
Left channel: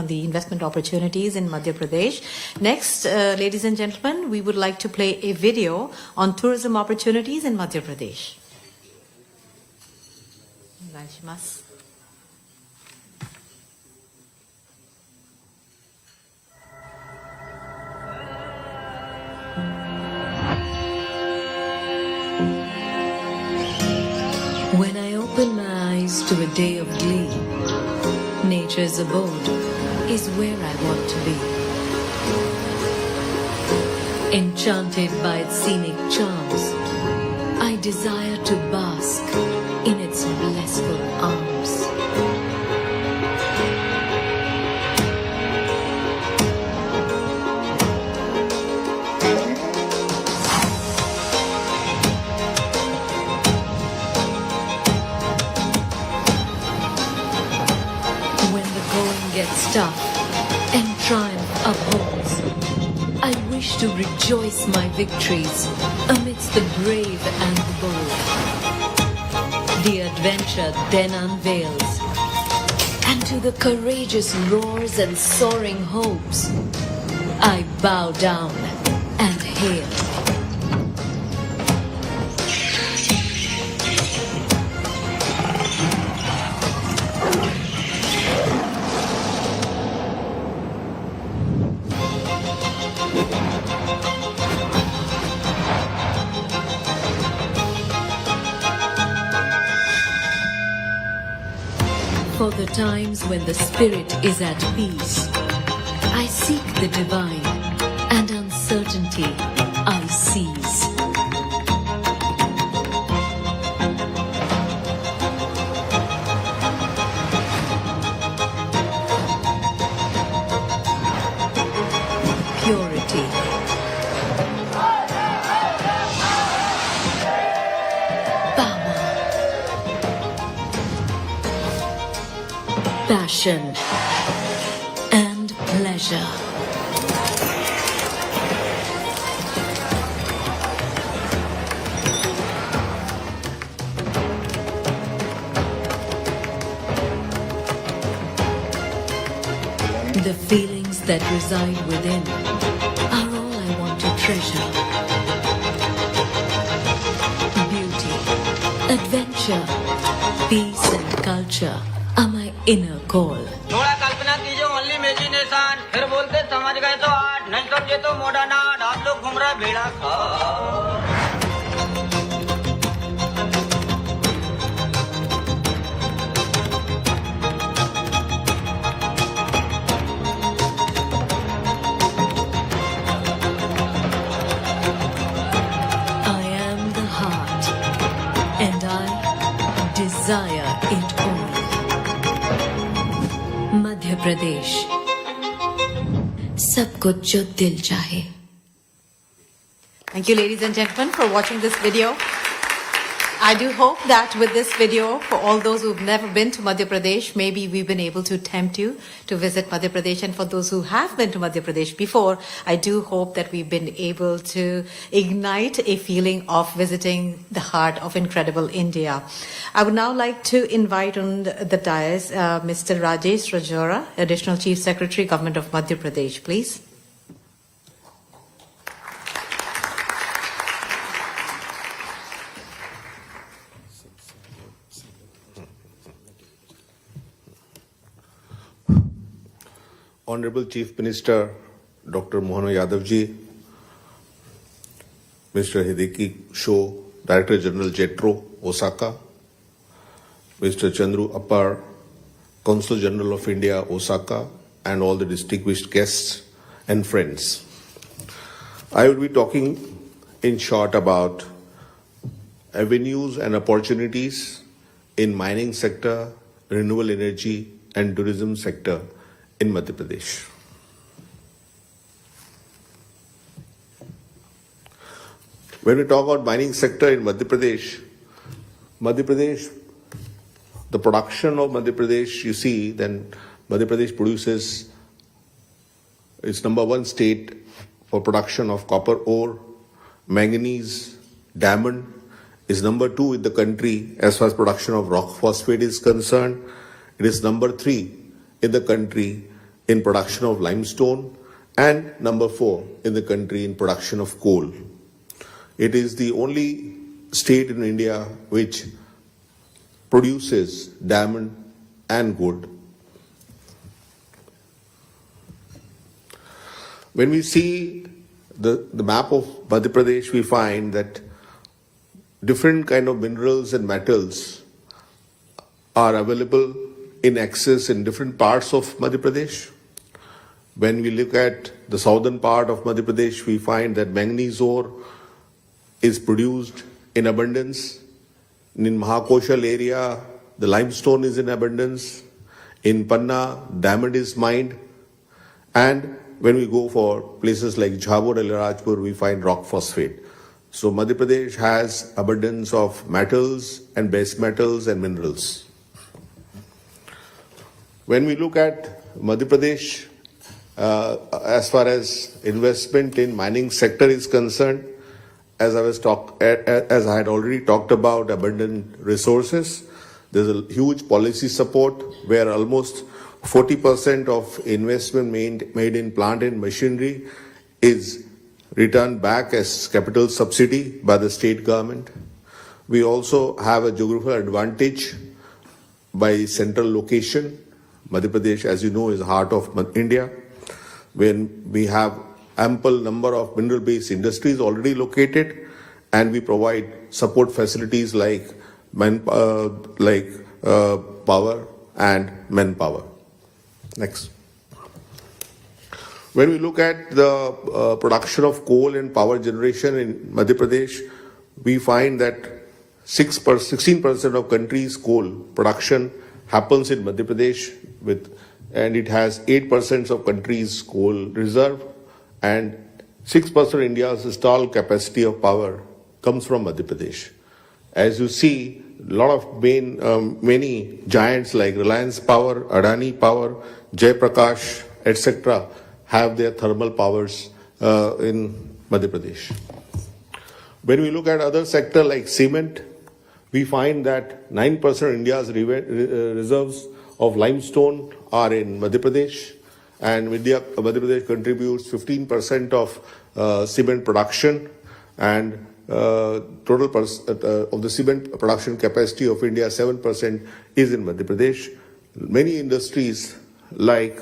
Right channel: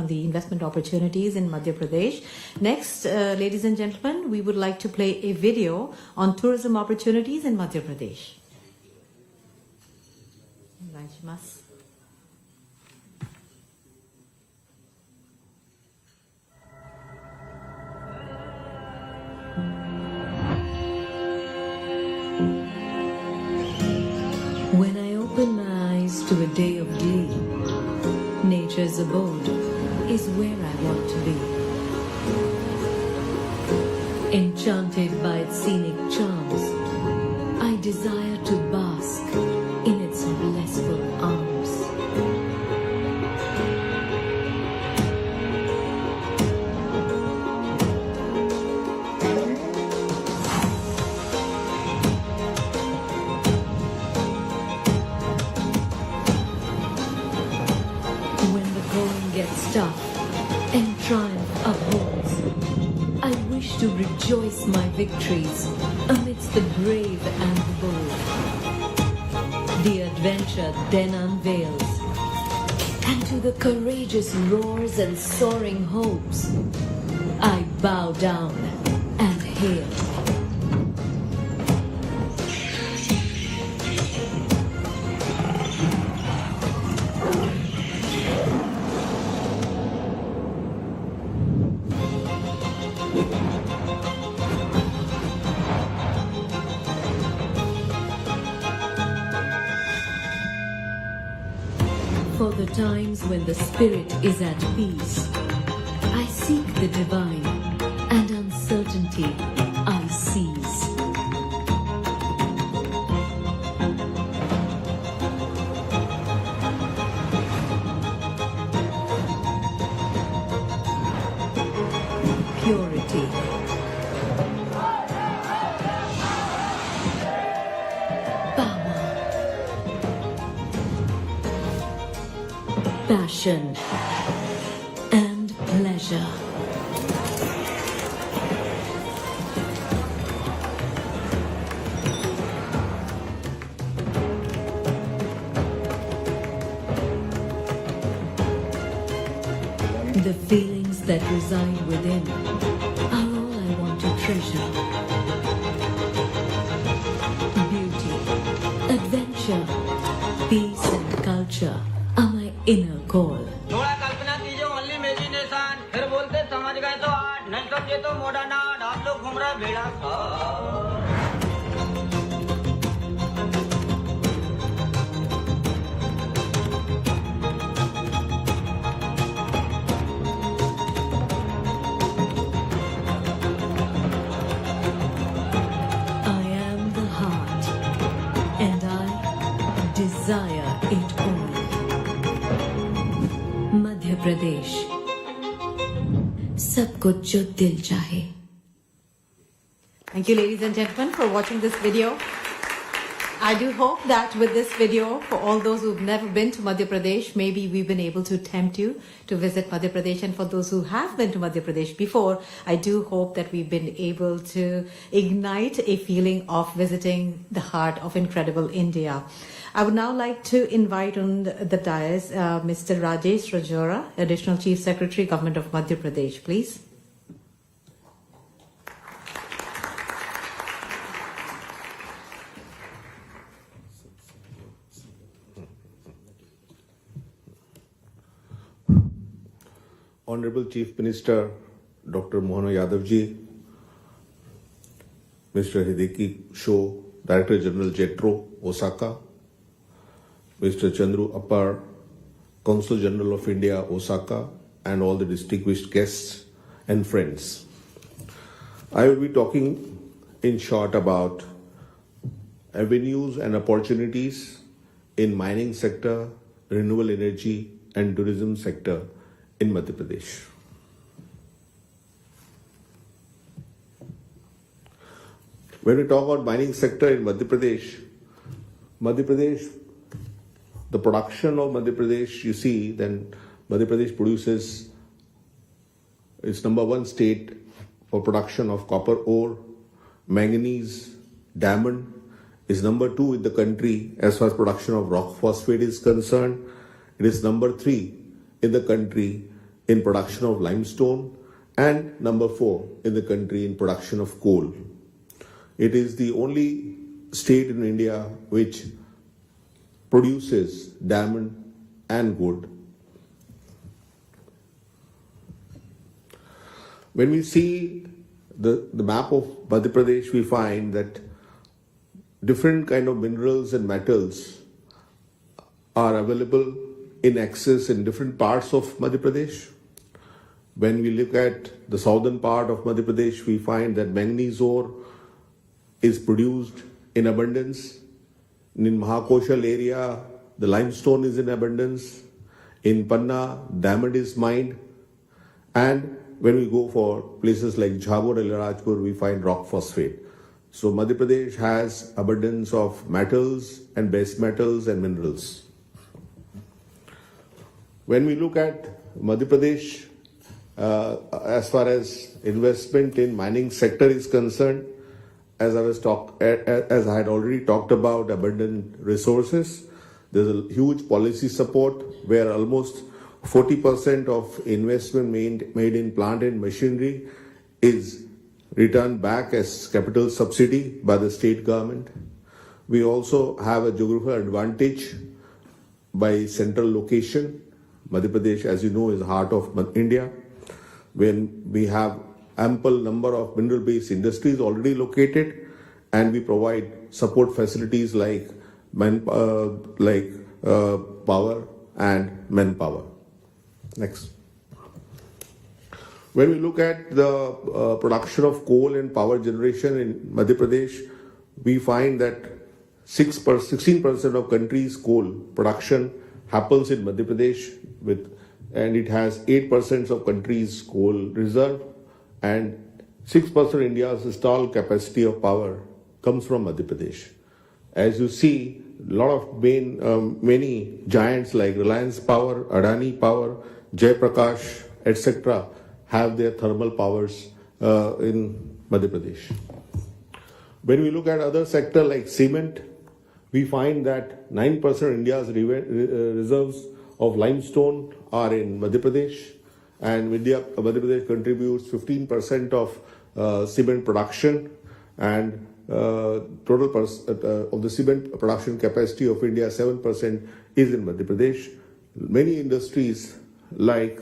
the investment opportunities in Madhya Pradesh. Next, ladies and gentlemen, we would like to play a video on tourism opportunities in Madhya Pradesh. When I open my eyes to a day of glee, nature's abode is where I want to be. Enchanted by its scenic charms, I desire to bask in its blissful arms. Gets tough and triumph upholds, I wish to rejoice my victories amidst the brave and the bold. The adventure then unveils, and to the courageous roars and soaring hopes, I bow down and hail. For the times when the spirit is at peace, I seek the divine, and uncertainty I seize. Purity, passion and pleasure. The feelings that reside within are all I want to treasure. Beauty, adventure, peace and culture are my inner goal. थोड़ा कल्पना कीजिए only imagination फिर बोलते समझ गए तो art नहीं समझे तो मॉडर्न आर्ट आप लोग घूम रहे बेड़ा I am the heart, and I desire it all. Madhya Pradesh, सब कुछ जो दिल चाहे. Thank you, ladies and gentlemen, for watching this video. I do hope that with this video, for all those who've never been to Madhya Pradesh, maybe we've been able to tempt you to visit Madhya Pradesh. And for those who have been to Madhya Pradesh before, I do hope that we've been able to ignite a feeling of visiting the heart of incredible India. I would now like to invite on the dais Mr. Rajesh Rajora, Additional Chief Secretary, Government of Madhya Pradesh, please. Honorable Chief Minister Dr. Mohan Yadav ji, Mr. Hideki Sho, Director General JETRO, Osaka, Mr. Chandru Appar, Consul General of India, Osaka, and all the distinguished guests and friends. I will be talking in short about avenues and opportunities in mining sector, renewable energy, and tourism sector in Madhya Pradesh. When we talk about mining sector in Madhya Pradesh, the production of Madhya Pradesh, you see, then Madhya Pradesh produces, it's number one state for production of copper ore, manganese, diamond, is number two in the country as far as production of rock phosphate is concerned. It is number three in the country in production of limestone, and number four in the country in production of coal. It is the only state in India which produces diamond and gold. When we see the map of Madhya Pradesh, we find that different kind of minerals and metals are available in excess in different parts of Madhya Pradesh. When we look at the southern part of Madhya Pradesh, we find that manganese ore is produced in abundance. In Mahakoshal area, the limestone is in abundance. In Panna, diamond is mined. And when we go for places like Jhabur and Rajpur, we find rock phosphate. So Madhya Pradesh has abundance of metals and base metals and minerals. When we look at Madhya Pradesh, as far as investment in mining sector is concerned, as I had already talked about abundant resources, there's a huge policy support where almost 40% of investment made in plant and machinery is returned back as capital subsidy by the state government. We also have a geographical advantage by central location. Madhya Pradesh, as you know, is the heart of India, when we have ample number of mineral-based industries already located, and we provide support facilities like power and manpower. Next. When we look at the production of coal and power generation in Madhya Pradesh, we find that 16% of country's coal production happens in Madhya Pradesh, and it has 8% of country's coal reserve, and 6% of India's installed capacity of power comes from Madhya Pradesh. As you see, a lot of many giants like Reliance Power, Adani Power, Jai Prakash, etc. have their thermal powers in Madhya Pradesh. When we look at other sector like cement, we find that 9% of India's reserves of limestone are in Madhya Pradesh, and Madhya Pradesh contributes 15% of cement production, and total of the cement production capacity of India, 7% is in Madhya Pradesh. Many industries like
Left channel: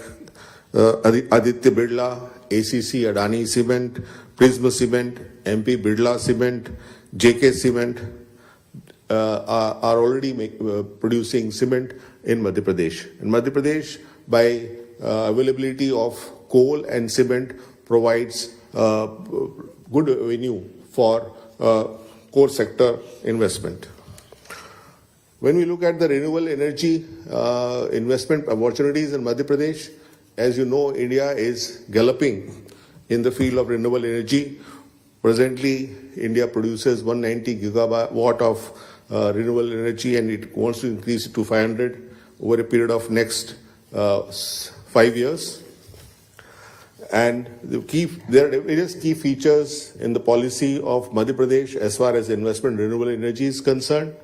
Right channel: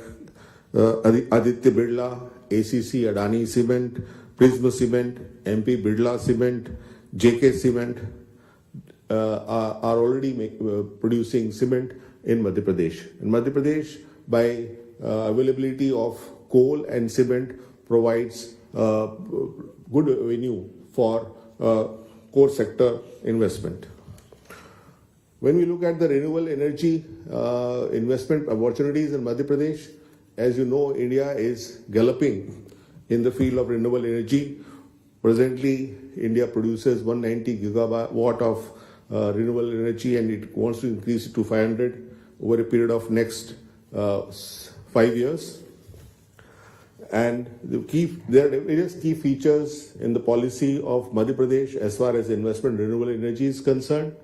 Aditya Birla, ACC, Adani Cement, Prisma Cement, MP Birla Cement, JK Cement are already producing cement in Madhya Pradesh. In Madhya Pradesh, by availability of coal and cement, provides good avenue for core sector investment. When we look at the renewable energy investment opportunities in Madhya Pradesh, as you know, India is galloping in the field of renewable energy. Presently, India produces 190 gigawatt of renewable energy, and it wants to increase it to 500 over a period of next 5 years. And there are various key features in the policy of Madhya Pradesh as far as investment in renewable energy is concerned.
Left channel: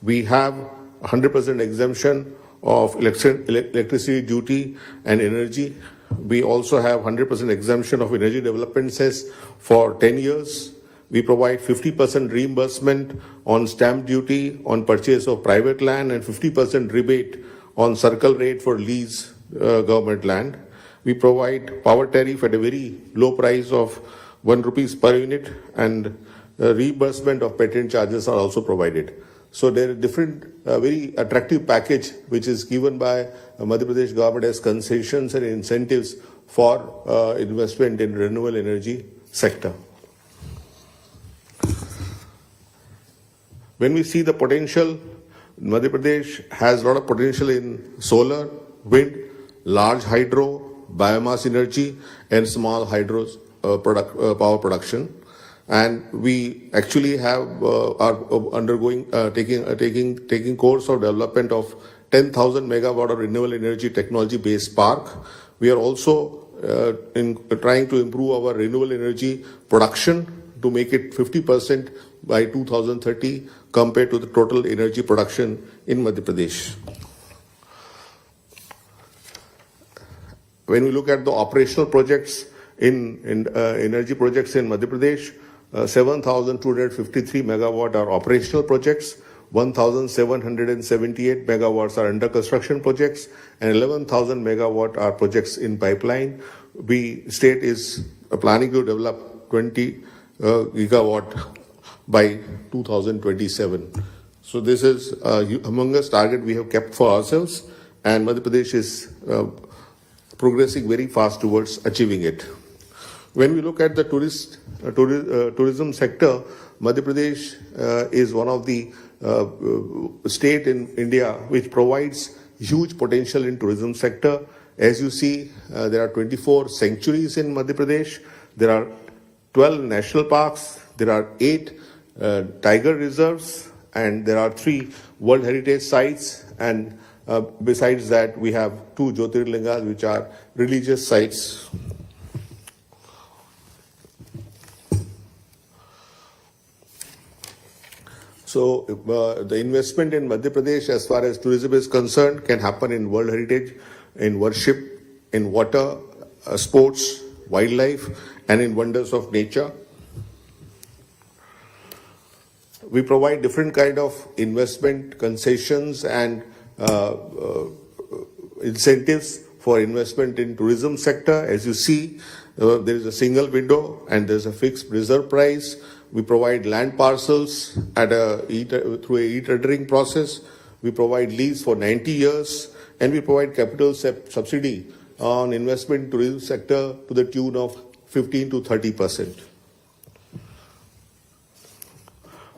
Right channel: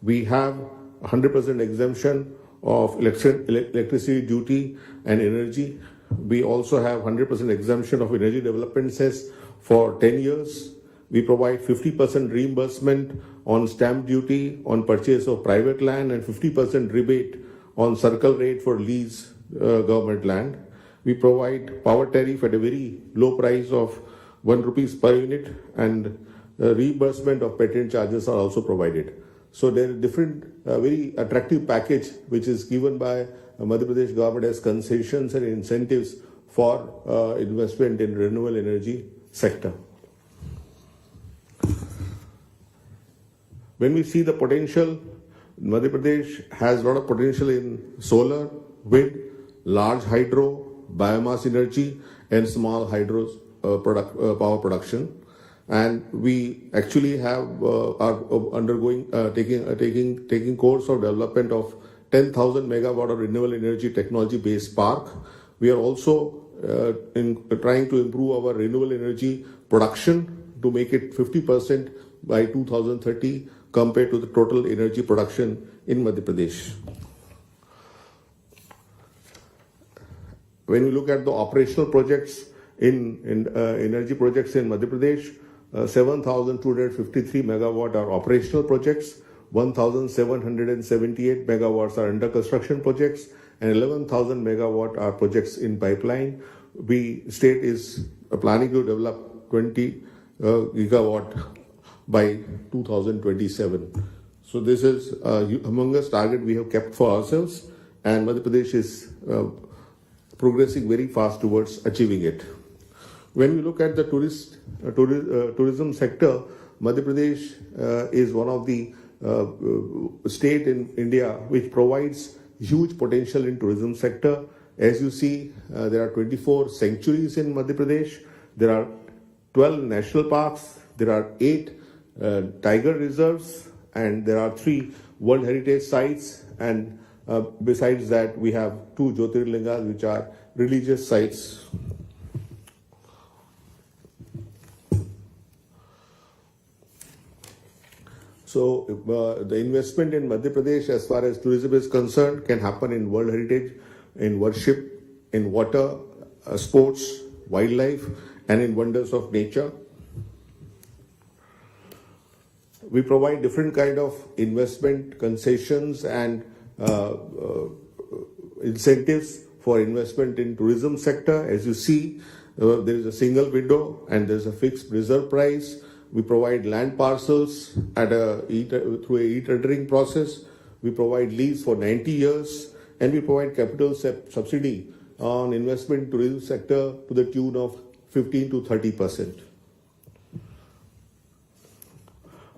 We have 100% exemption of electricity duty and energy. We also have 100% exemption of energy development cess for 10 years. We provide 50% reimbursement on stamp duty on purchase of private land and 50% rebate on circle rate for lease government land. We provide power tariff at a very low price of 1 rupees per unit, and reimbursement of patent charges are also provided. So there are different, very attractive package which is given by Madhya Pradesh government as concessions and incentives for investment in renewable energy sector. When we see the potential, Madhya Pradesh has a lot of potential in solar, wind, large hydro, biomass energy, and small hydro power production. And we actually are undergoing taking course of development of 10,000 megawatt of renewable energy technology based park. We are also trying to improve our renewable energy production to make it 50% by 2030 compared to the total energy production in Madhya Pradesh. When we look at the operational projects in energy projects in Madhya Pradesh, 7,253 megawatt are operational projects, 1,778 megawatts are under construction projects, and 11,000 megawatt are projects in pipeline. State is planning to develop 20 gigawatt by 2027. So this is a humongous target we have kept for ourselves, and Madhya Pradesh is progressing very fast towards achieving it. When we look at the tourism sector, Madhya Pradesh is one of the state in India which provides huge potential in tourism sector. As you see, there are 24 sanctuaries in Madhya Pradesh. There are 12 national parks. There are 8 tiger reserves, and there are 3 World Heritage sites. And besides that, we have 2 Jyotirlingas, which are religious sites. So the investment in Madhya Pradesh as far as tourism is concerned can happen in World Heritage, in worship, in water, sports, wildlife, and in wonders of nature. We provide different kind of investment concessions and incentives for investment in tourism sector. As you see, there is a single window and there is a fixed reserve price. We provide land parcels through a e-tendering process. We provide lease for 90 years, and we provide capital subsidy on investment in tourism sector to the tune of 15 to 30%.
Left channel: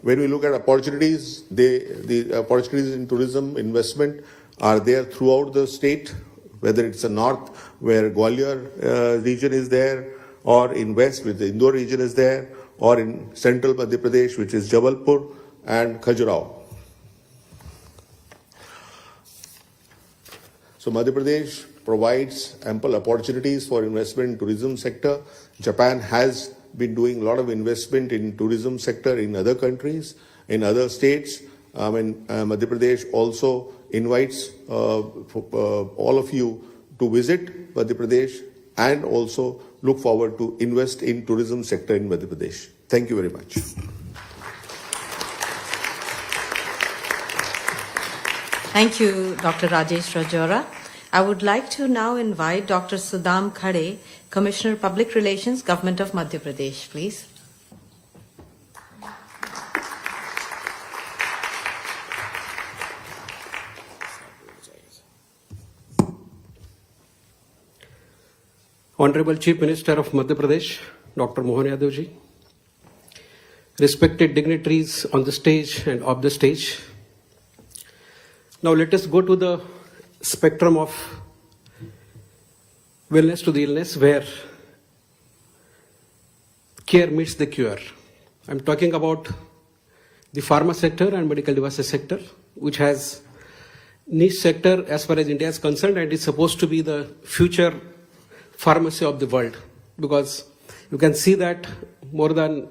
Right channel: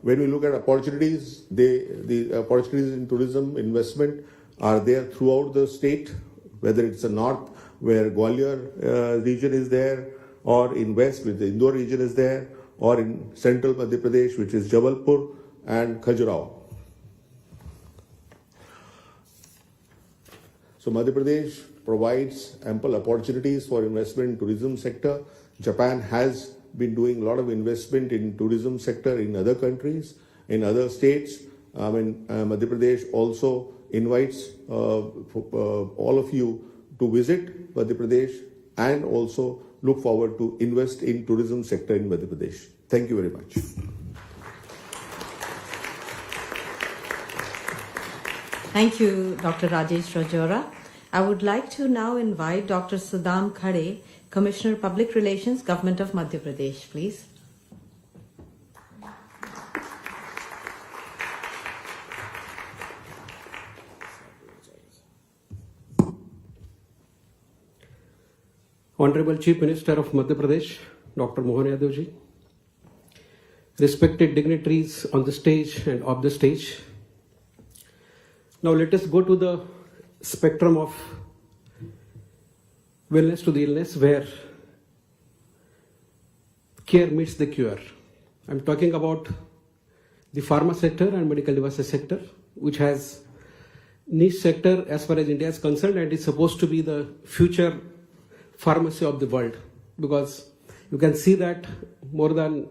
When we look at opportunities, the opportunities in tourism investment are there throughout the state, whether it's the north where Gwalior region is there, or in west where the Indore region is there, or in central Madhya Pradesh, which is Jabalpur and Khajuraho. So Madhya Pradesh provides ample opportunities for investment in tourism sector. Japan has been doing a lot of investment in tourism sector in other countries, in other states. Madhya Pradesh also invites all of you to visit Madhya Pradesh and also look forward to invest in tourism sector in Madhya Pradesh. Thank you very much. Thank you, Dr. Rajesh Rajora. I would like to now invite Dr. Sudham Khade, Commissioner Public Relations, Government of Madhya Pradesh, please. Honorable Chief Minister of Madhya Pradesh, Dr. Mohan Yadav ji, respected dignitaries on the stage and off the stage. Now let us go to the spectrum of wellness to the illness where care meets the cure. I'm talking about the pharma sector and medical devices sector, which has niche sector as far as India is concerned, and is supposed to be the future pharmacy of the world, because you can see that more than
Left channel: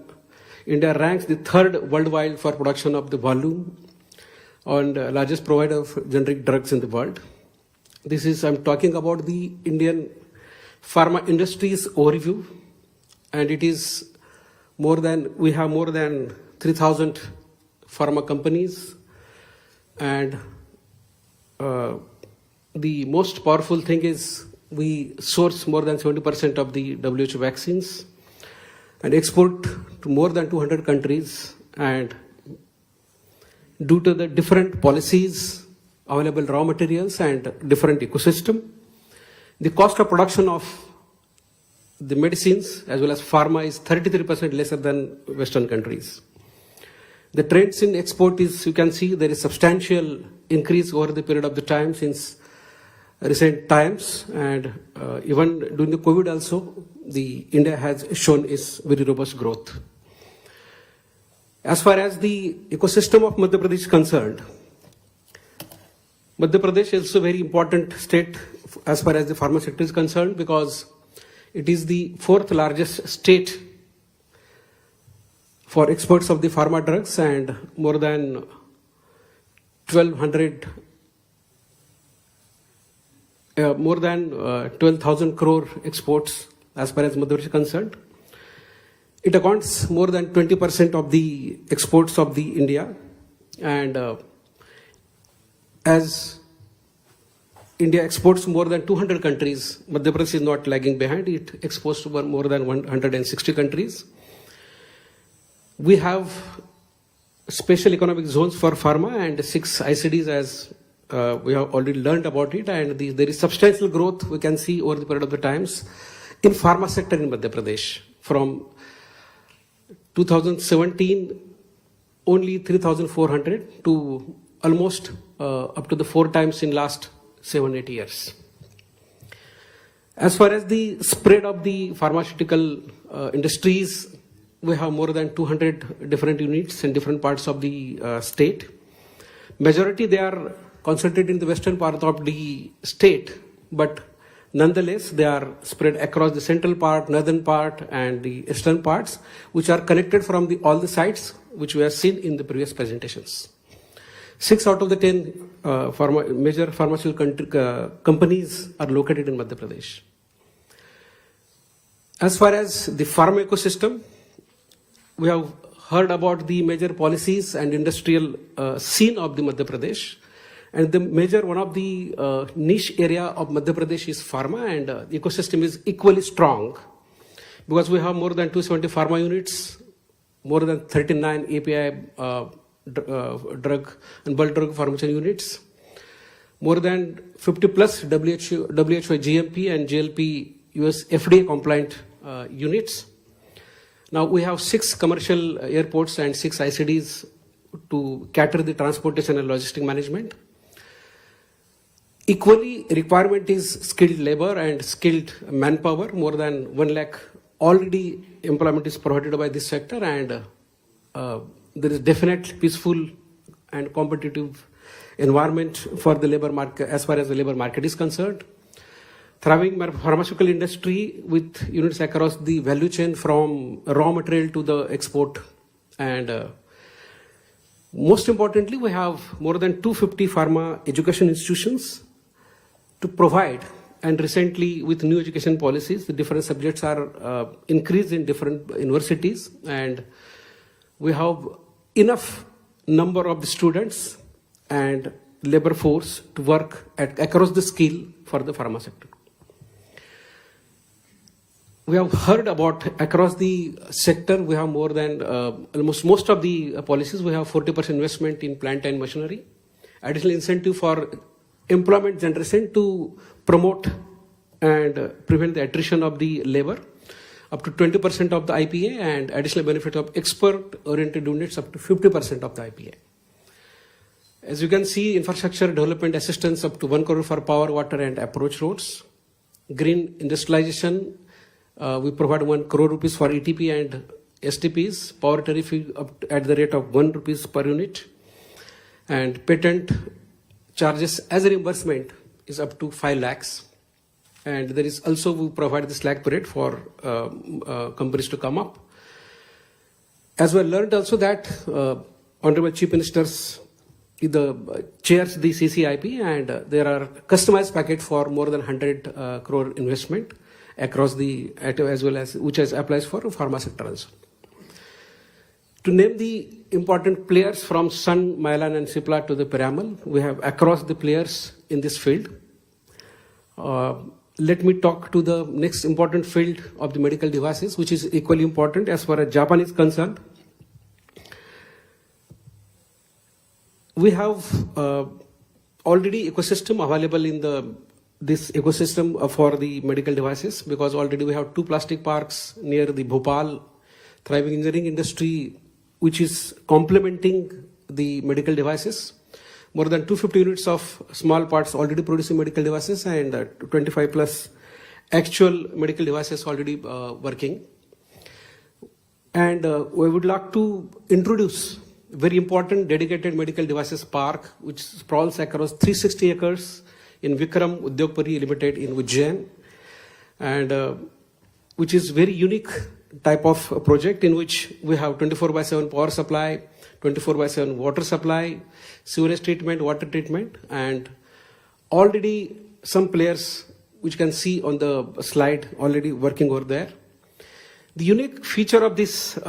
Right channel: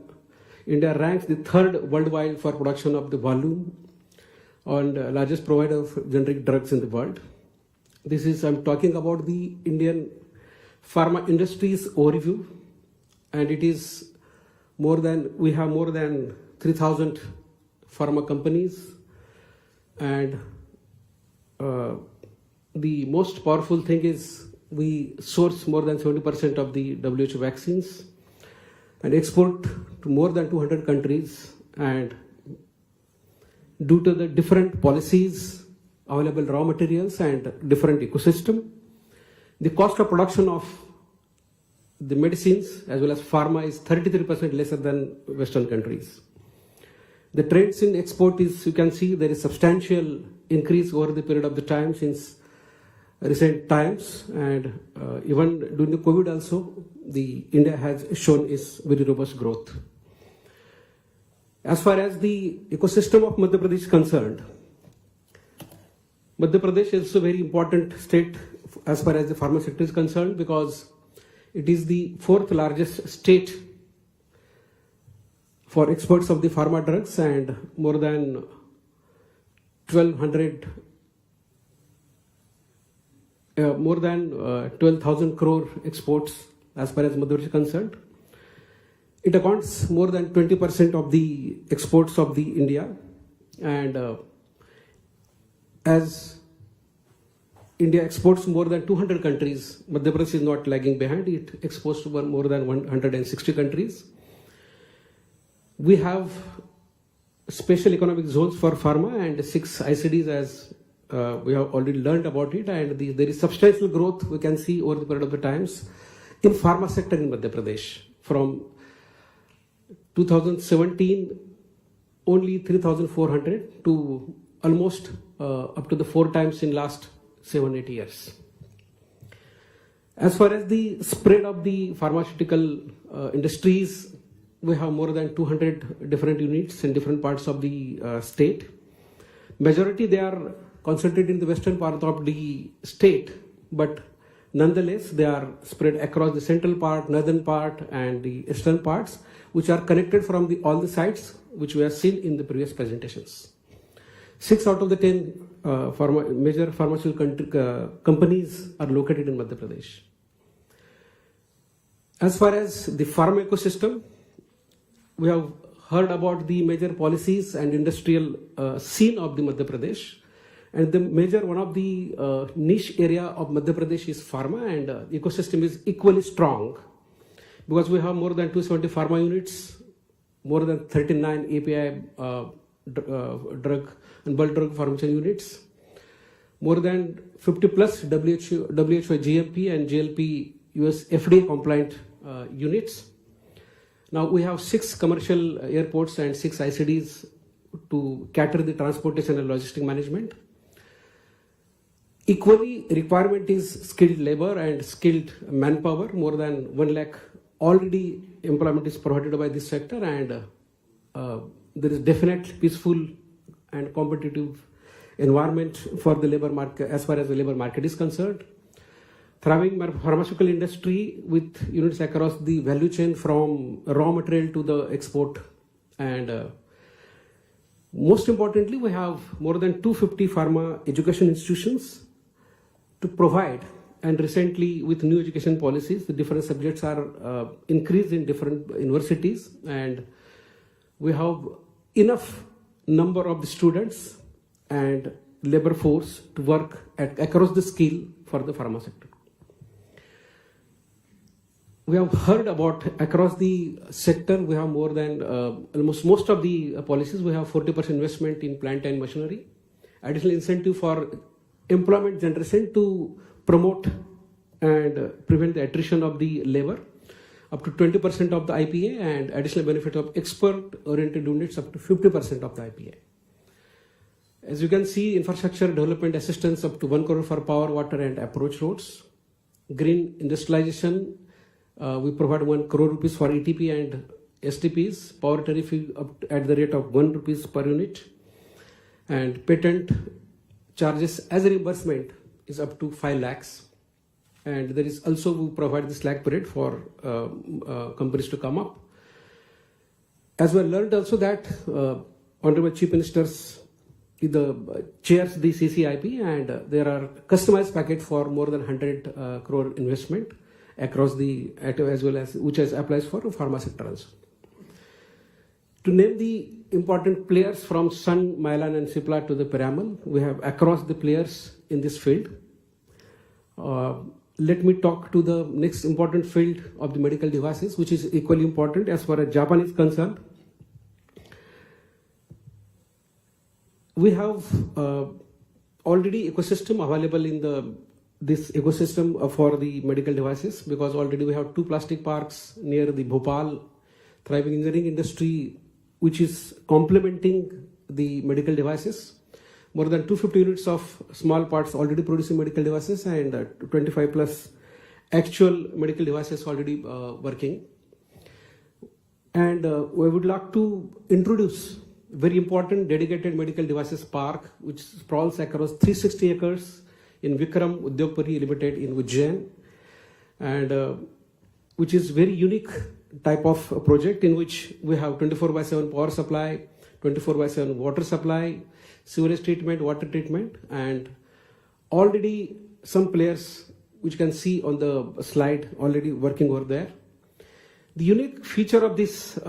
India ranks the 3rd worldwide for production of the volume and largest provider of generic drugs in the world. I'm talking about the Indian pharma industry's overview, and it is we have more than 3,000 pharma companies, and the most powerful thing is we source more than 70% of the WHO vaccines, and export to more than 200 countries. And due to the different policies, available raw materials and different ecosystem, the cost of production of the medicines as well as pharma is 33% lesser than Western countries. The trends in export is, you can see there is substantial increase over the period of the time since recent times, and even during the COVID also, the India has shown its very robust growth. As far as the ecosystem of Madhya Pradesh is concerned, Madhya Pradesh is a very important state as far as the pharma sector is concerned, because it is the fourth largest state for exports of the pharma drugs, and more than 12,000 crore exports as far as Madhya Pradesh is concerned. It accounts more than 20% of the exports of the India, and as India exports more than 200 countries, Madhya Pradesh is not lagging behind. It exports to more than 160 countries. We have special economic zones for pharma and 6 ICDs, as we have already learned about it, and there is substantial growth we can see over the period of the times in pharma sector in Madhya Pradesh. From 2017, only 3,400 to almost up to the 4 times in last 7-8 years. As far as the spread of the pharmaceutical industries, we have more than 200 different units in different parts of the state. Majority they are concentrated in the western part of the state, but nonetheless they are spread across the central part, northern part and the eastern parts, which are connected from all the sites which we have seen in the previous presentations. 6 out of the 10 major pharmaceutical companies are located in Madhya Pradesh. As far as the pharma ecosystem, we have heard about the major policies and industrial scene of the Madhya Pradesh, and one of the niche area of Madhya Pradesh is pharma, and the ecosystem is equally strong because we have more than 270 pharma units, more than 39 API drug and bulk drug formulation units, more than 50 plus WHO GMP and GLP US FDA compliant units. Now we have 6 commercial airports and 6 ICDs to cater the transportation and logistic management. Equally, requirement is skilled labor and skilled manpower. More than 1 lakh already employment is provided by this sector, and there is definite peaceful and competitive environment for the labor market as far as the labor market is concerned. Thriving pharmaceutical industry with units across the value chain from raw material to the export, and most importantly, we have more than 250 pharma education institutions to provide, and recently with new education policies, the different subjects are increased in different universities, and we have enough number of the students and labor force to work across the skill for the pharma sector. We have heard about across the sector, we have more than almost most of the policies, we have 40% investment in plant and machinery, additional incentive for employment generation to promote and prevent the attrition of the labor, up to 20% of the IPA, and additional benefit of export-oriented units up to 50% of the IPA. As you can see, infrastructure development assistance up to 1 crore for power, water and approach roads. Green industrialization, we provide 1 crore rupees for ETP and STPs, power tariff at the rate of 1 rupees per unit, and patent charges as a reimbursement is up to 5 lakhs. And there is also, we provide this lakh period for companies to come up. As we learned also that Honorable Chief Ministers chairs the CCIP, and there are customized package for more than 100 crore investment across the, as well as which applies for pharma sector also. To name the important players from Sun, Mylan and Cipla to the Piramal, we have across the players in this field. let me talk to the next important field of the medical devices, which is equally important as far as Japan is concerned. We have already ecosystem available in this ecosystem for the medical devices, because already we have 2 plastic parks near the Bhopal, thriving engineering industry, which is complementing the medical devices. More than 250 units of small parts already producing medical devices, and 25 plus actual medical devices already working. And we would like to introduce very important dedicated medical devices park, which sprawls across 360 acres in Vikram Udyogpuri Limited in Ujjain, and which is very unique type of project in which we have 24/7 power supply, 24/7 water supply, sewage treatment, water treatment, and already some players which you can see on the slide already working over there. The unique feature of this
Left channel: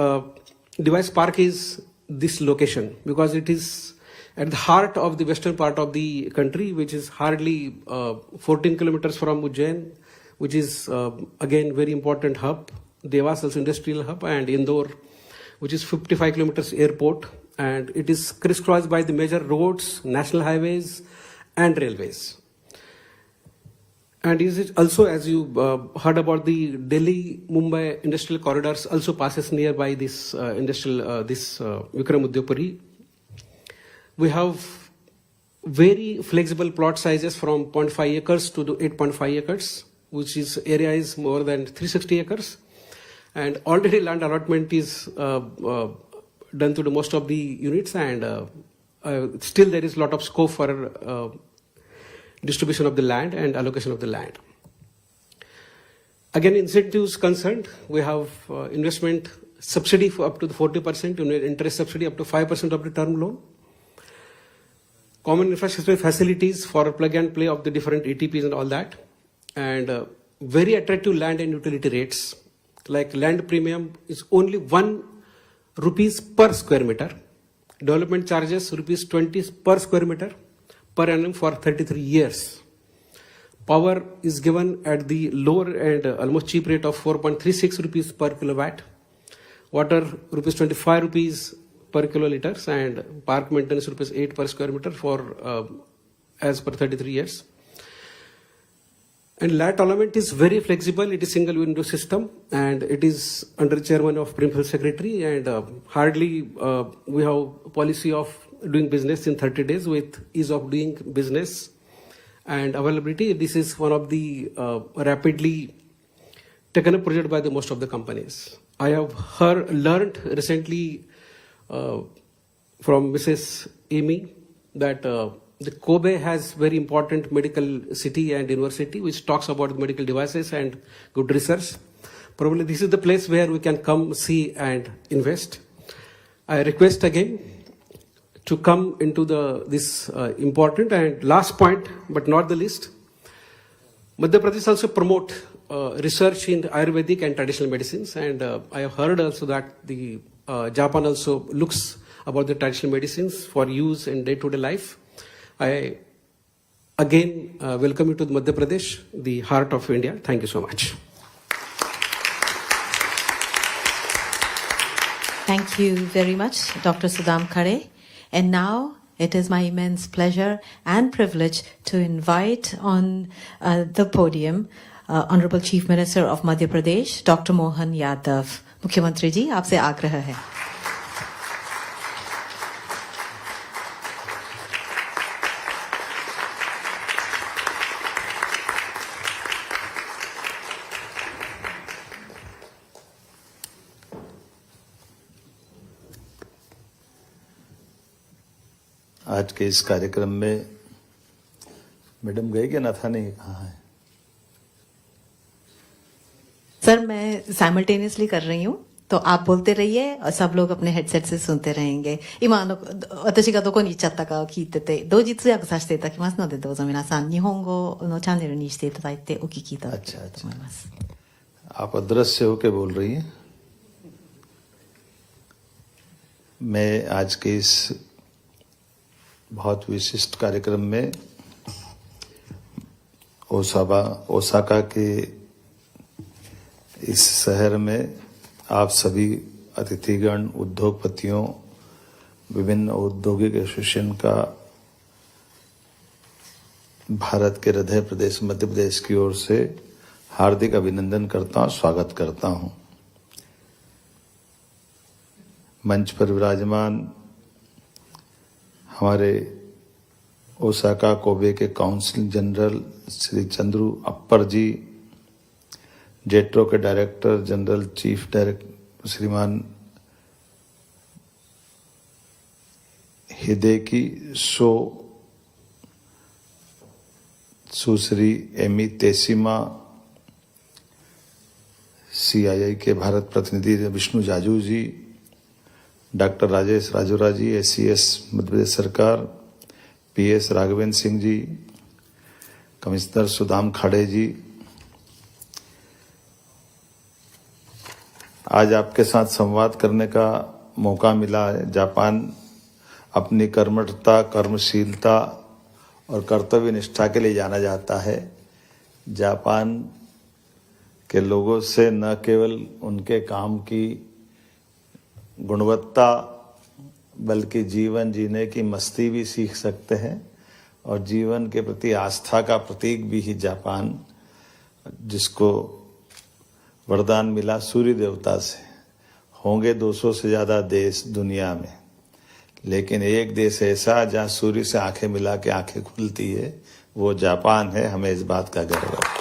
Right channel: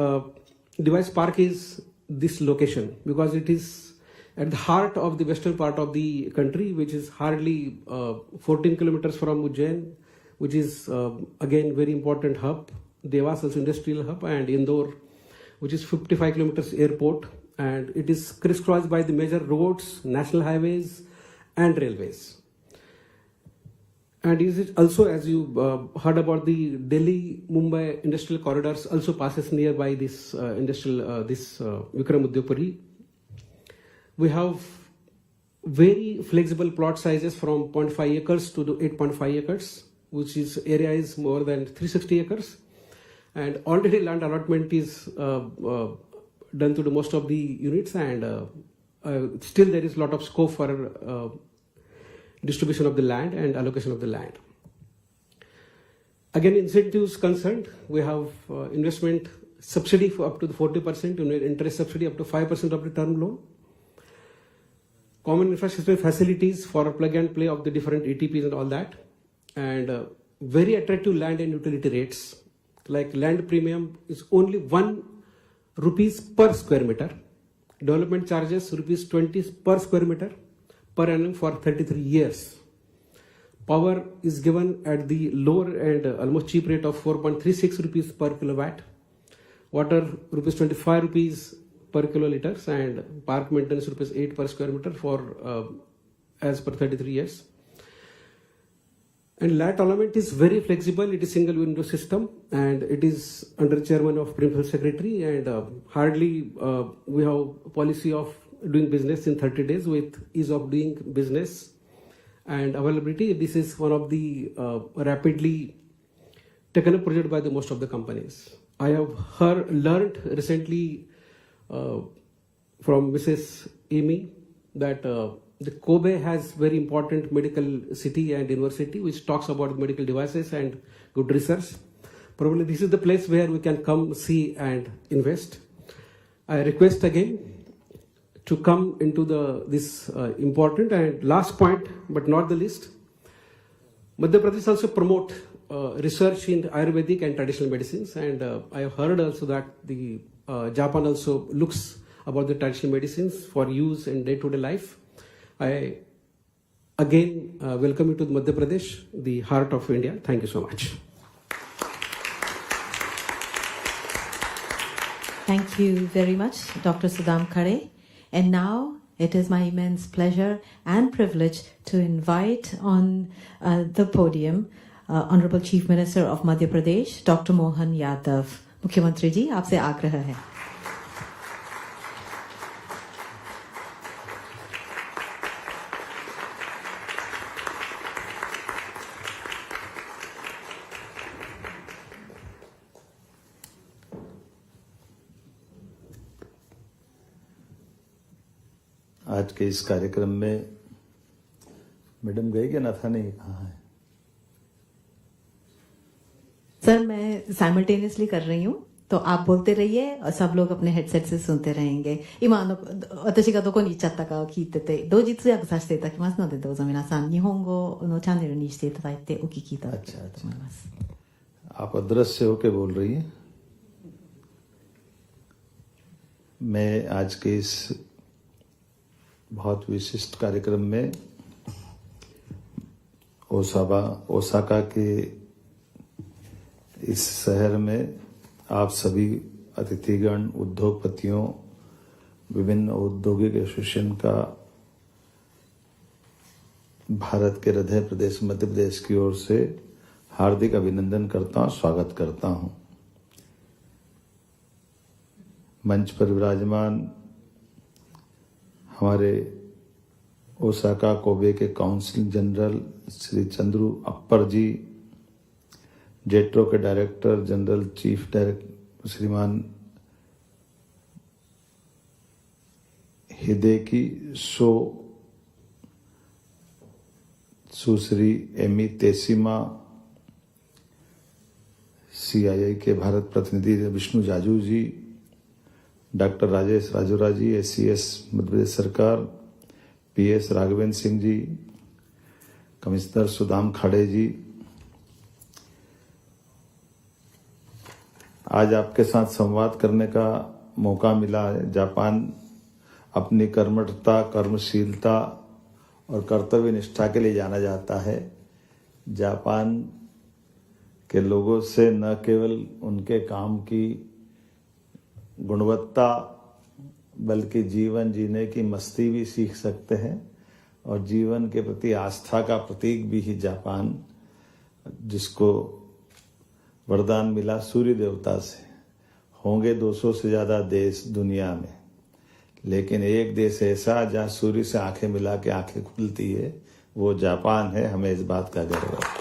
device park is this location, because it is at the heart of the western part of the country, which is hardly 14 kilometers from Ujjain, which is again very important hub. Devas also industrial hub, and Indore, which is 55 kilometers airport, and it is crisscrossed by the major roads, national highways, and railways. And is it also, as you heard about, the Delhi-Mumbai industrial corridors also passes nearby this Vikram Udyogpuri. We have very flexible plot sizes from 0.5 acres to 8.5 acres, which is area is more than 360 acres. And already land allotment is done to the most of the units, and still there is a lot of scope for distribution of the land and allocation of the land. Again, incentives concerned, we have investment subsidy for up to the 40%, interest subsidy up to 5% of the term loan. Common infrastructure facilities for plug and play of the different ATPs and all that, and very attractive land and utility rates. Like land premium is only 1 rupees per square meter. Development charges rupees 20 per square meter per annum for 33 years. Power is given at the lower and almost cheap rate of 4.36 rupees per kilowatt. Water rupees 25 rupees per kiloliters, and park maintenance rupees 8 per square meter for as per 33 years. And land allotment is very flexible. It is single window system, and it is under chairman of principal secretary, and hardly we have policy of doing business in 30 days with ease of doing business and availability. This is one of the rapidly taken up project by the most of the companies. I have learned recently from Mrs. Amy that the Kobe has very important medical city and university which talks about medical devices and good research. Probably this is the place where we can come, see and invest. I request again to come into this important and last point, but not the least. Madhya Pradesh also promote research in Ayurvedic and traditional medicines, and I have heard also that the Japan also looks about the traditional medicines for use in day-to-day life. I again welcome you to Madhya Pradesh, the heart of India. Thank you so much. Thank you very much, Dr. Sudham Khare. And now it is my immense pleasure and privilege to invite on the podium Honorable Chief Minister of Madhya Pradesh, Dr. Mohan Yadav. मुख्यमंत्री जी, आपसे आग्रह है. आज के इस कार्यक्रम में madam गए क्या नाथा नहीं कहाँ है? सर, मैं साइमल्टेनियसली कर रही हूँ, तो आप बोलते रहिए और सब लोग अपने हेडसेट से सुनते रहेंगे. 私がどこに行っちゃったかを聞いてて、同時通訳させていただきますので、どうぞ皆さん日本語のチャンネルにしていただいてお聞きいただきたいと思います。आप अदृश्य होके बोल रही हैं. मैं आज के इस बहुत विशिष्ट कार्यक्रम में ओसाका के इस शहर में आप सभी अतिथिगण, उद्योगपतियों, विभिन्न औद्योगिक एसोसिएशन का भारत के हृदय प्रदेश मध्य प्रदेश की ओर से हार्दिक अभिनंदन करता हूं, स्वागत करता हूं। मंच पर विराजमान हमारे ओसाका कोबे के council general Shri Chandru Appar ji, JETRO के director general chief director Shriman Hideki Sho, Sushri Emi Teshima, CII के भारत प्रतिनिधि विष्णु जाजू जी, डॉक्टर राजेश राजोरा जी, SCS मध्य प्रदेश सरकार, PS राघवेंद्र सिंह जी, कमिश्नर सुदाम खाड़े जी, आज आपके साथ संवाद करने का मौका मिला है। जापान अपनी कर्मठता, कर्मशीलता और कर्तव्य निष्ठा के लिए जाना जाता है। जापान के लोगों से न केवल उनके काम की गुणवत्ता बल्कि जीवन जीने की मस्ती भी सीख सकते हैं और जीवन के प्रति आस्था का प्रतीक भी ही जापान, जिसको वरदान मिला सूर्य देवता से। होंगे 200 से ज्यादा देश दुनिया में, लेकिन एक देश ऐसा जहां सूर्य से आंखें मिला के आंखें खुलती है, वो जापान है। हमें इस बात का गर्व है।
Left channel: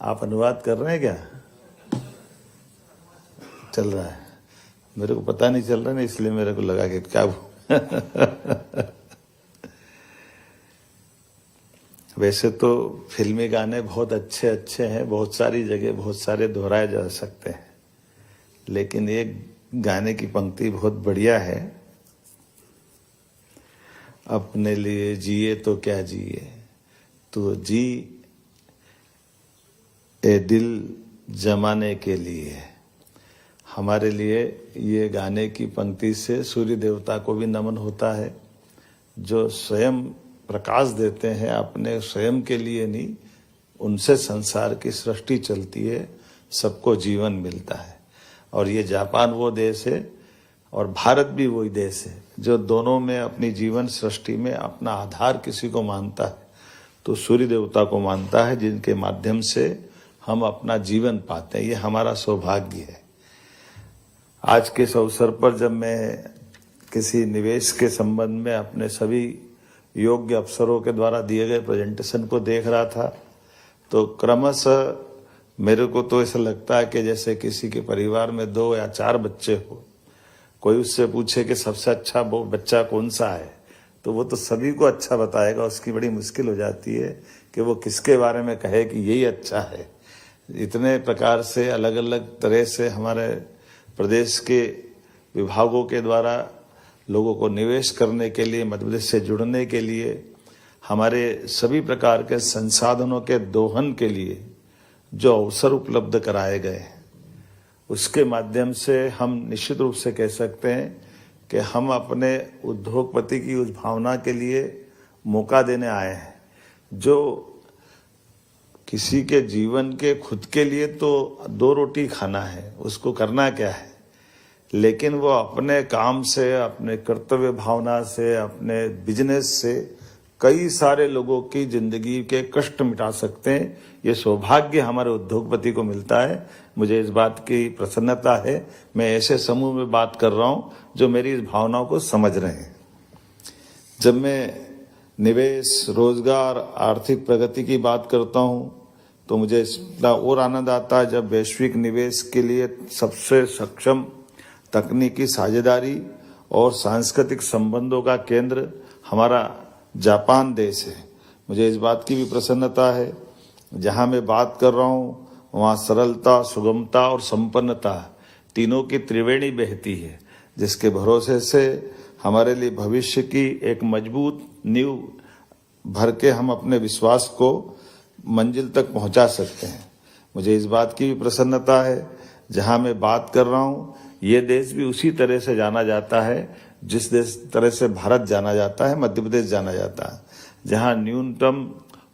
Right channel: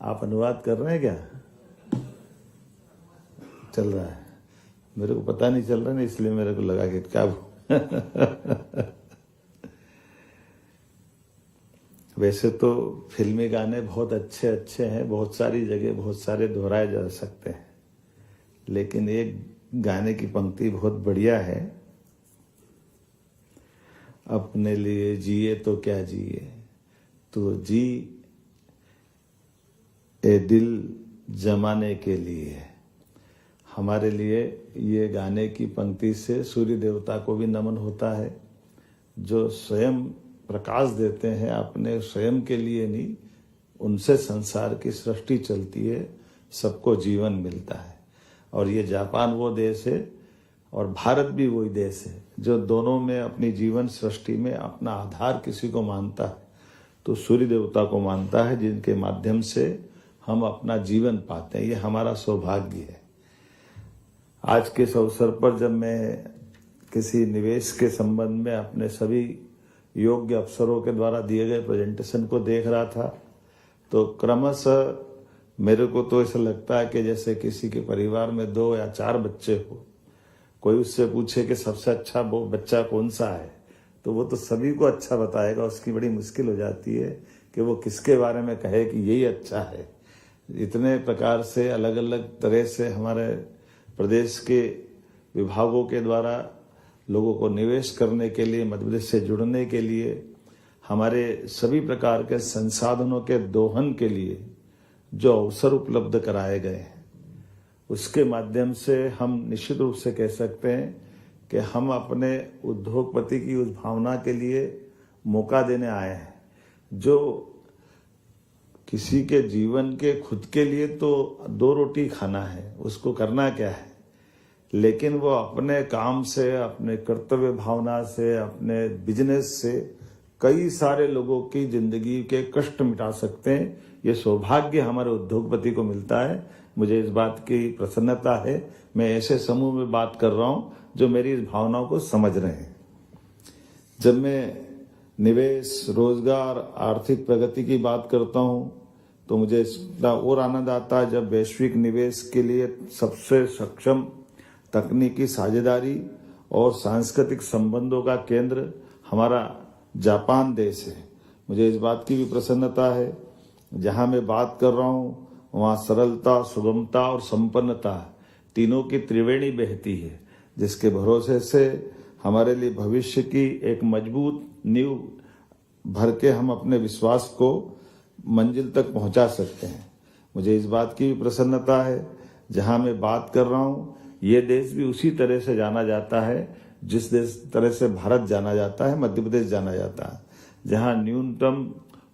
आप अनुवाद कर रहे हैं क्या? चल रहा है, मेरे को पता नहीं चल रहा ना, इसलिए मेरे को लगा कि क्या वैसे तो फिल्मी गाने बहुत अच्छे अच्छे हैं, बहुत सारी जगह बहुत सारे दोहराए जा सकते हैं, लेकिन एक गाने की पंक्ति बहुत बढ़िया है, अपने लिए जिए तो क्या जिए, तो जी ए दिल जमाने के लिए। हमारे लिए ये गाने की पंक्ति से सूर्य देवता को भी नमन होता है, जो स्वयं प्रकाश देते हैं, अपने स्वयं के लिए नहीं, उनसे संसार की सृष्टि चलती है, सबको जीवन मिलता है। और ये जापान वो देश है और भारत भी वही देश है जो दोनों में अपनी जीवन सृष्टि में अपना आधार किसी को मानता है तो सूर्य देवता को मानता है, जिनके माध्यम से हम अपना जीवन पाते हैं। ये हमारा सौभाग्य है। आज के इस अवसर पर जब मैं किसी निवेश के संबंध में अपने सभी योग्य अफसरों के द्वारा दिए गए प्रेजेंटेशन को देख रहा था, तो क्रमशः मेरे को तो ऐसा लगता है कि जैसे किसी के परिवार में 2 या 4 बच्चे हो, कोई उससे पूछे कि सबसे अच्छा वो बच्चा कौन सा है, तो वो तो सभी को अच्छा बताएगा। उसकी बड़ी मुश्किल हो जाती है कि वो किसके बारे में कहे कि यही अच्छा है। इतने प्रकार से अलग अलग तरह से हमारे प्रदेश के विभागों के द्वारा लोगों को निवेश करने के लिए, मध्य प्रदेश से जुड़ने के लिए, हमारे सभी प्रकार के संसाधनों के दोहन के लिए जो अवसर उपलब्ध कराए गए, उसके माध्यम से हम निश्चित रूप से कह सकते हैं कि हम अपने उद्योगपति की उस भावना के लिए मौका देने आए हैं, जो किसी के जीवन के खुद के लिए तो 2 रोटी खाना है, उसको करना क्या है, लेकिन वो अपने काम से, अपने कर्तव्य भावना से, अपने बिजनेस से कई सारे लोगों की जिंदगी के कष्ट मिटा सकते हैं। ये सौभाग्य हमारे उद्योगपति को मिलता है। मुझे इस बात की प्रसन्नता है। मैं ऐसे समूह में बात कर रहा हूं जो मेरी इस भावनाओं को समझ रहे हैं। जब मैं निवेश, रोजगार, आर्थिक प्रगति की बात करता हूं तो मुझे इसका और आनंद आता है जब वैश्विक निवेश के लिए सबसे सक्षम तकनीकी साझेदारी और सांस्कृतिक संबंधों का केंद्र हमारा जापान देश है। मुझे इस बात की भी प्रसन्नता है, जहां मैं बात कर रहा हूं वहां सरलता, सुगमता और संपन्नता तीनों की त्रिवेणी बहती है, जिसके भरोसे से हमारे लिए भविष्य की एक मजबूत नींव भर के हम अपने विश्वास को मंजिल तक पहुंचा सकते हैं। मुझे इस बात की भी प्रसन्नता है, जहां मैं बात कर रहा हूं ये देश भी उसी तरह से जाना जाता है जिस तरह से भारत जाना जाता है, मध्य प्रदेश जाना जाता है, जहाँ न्यूनतम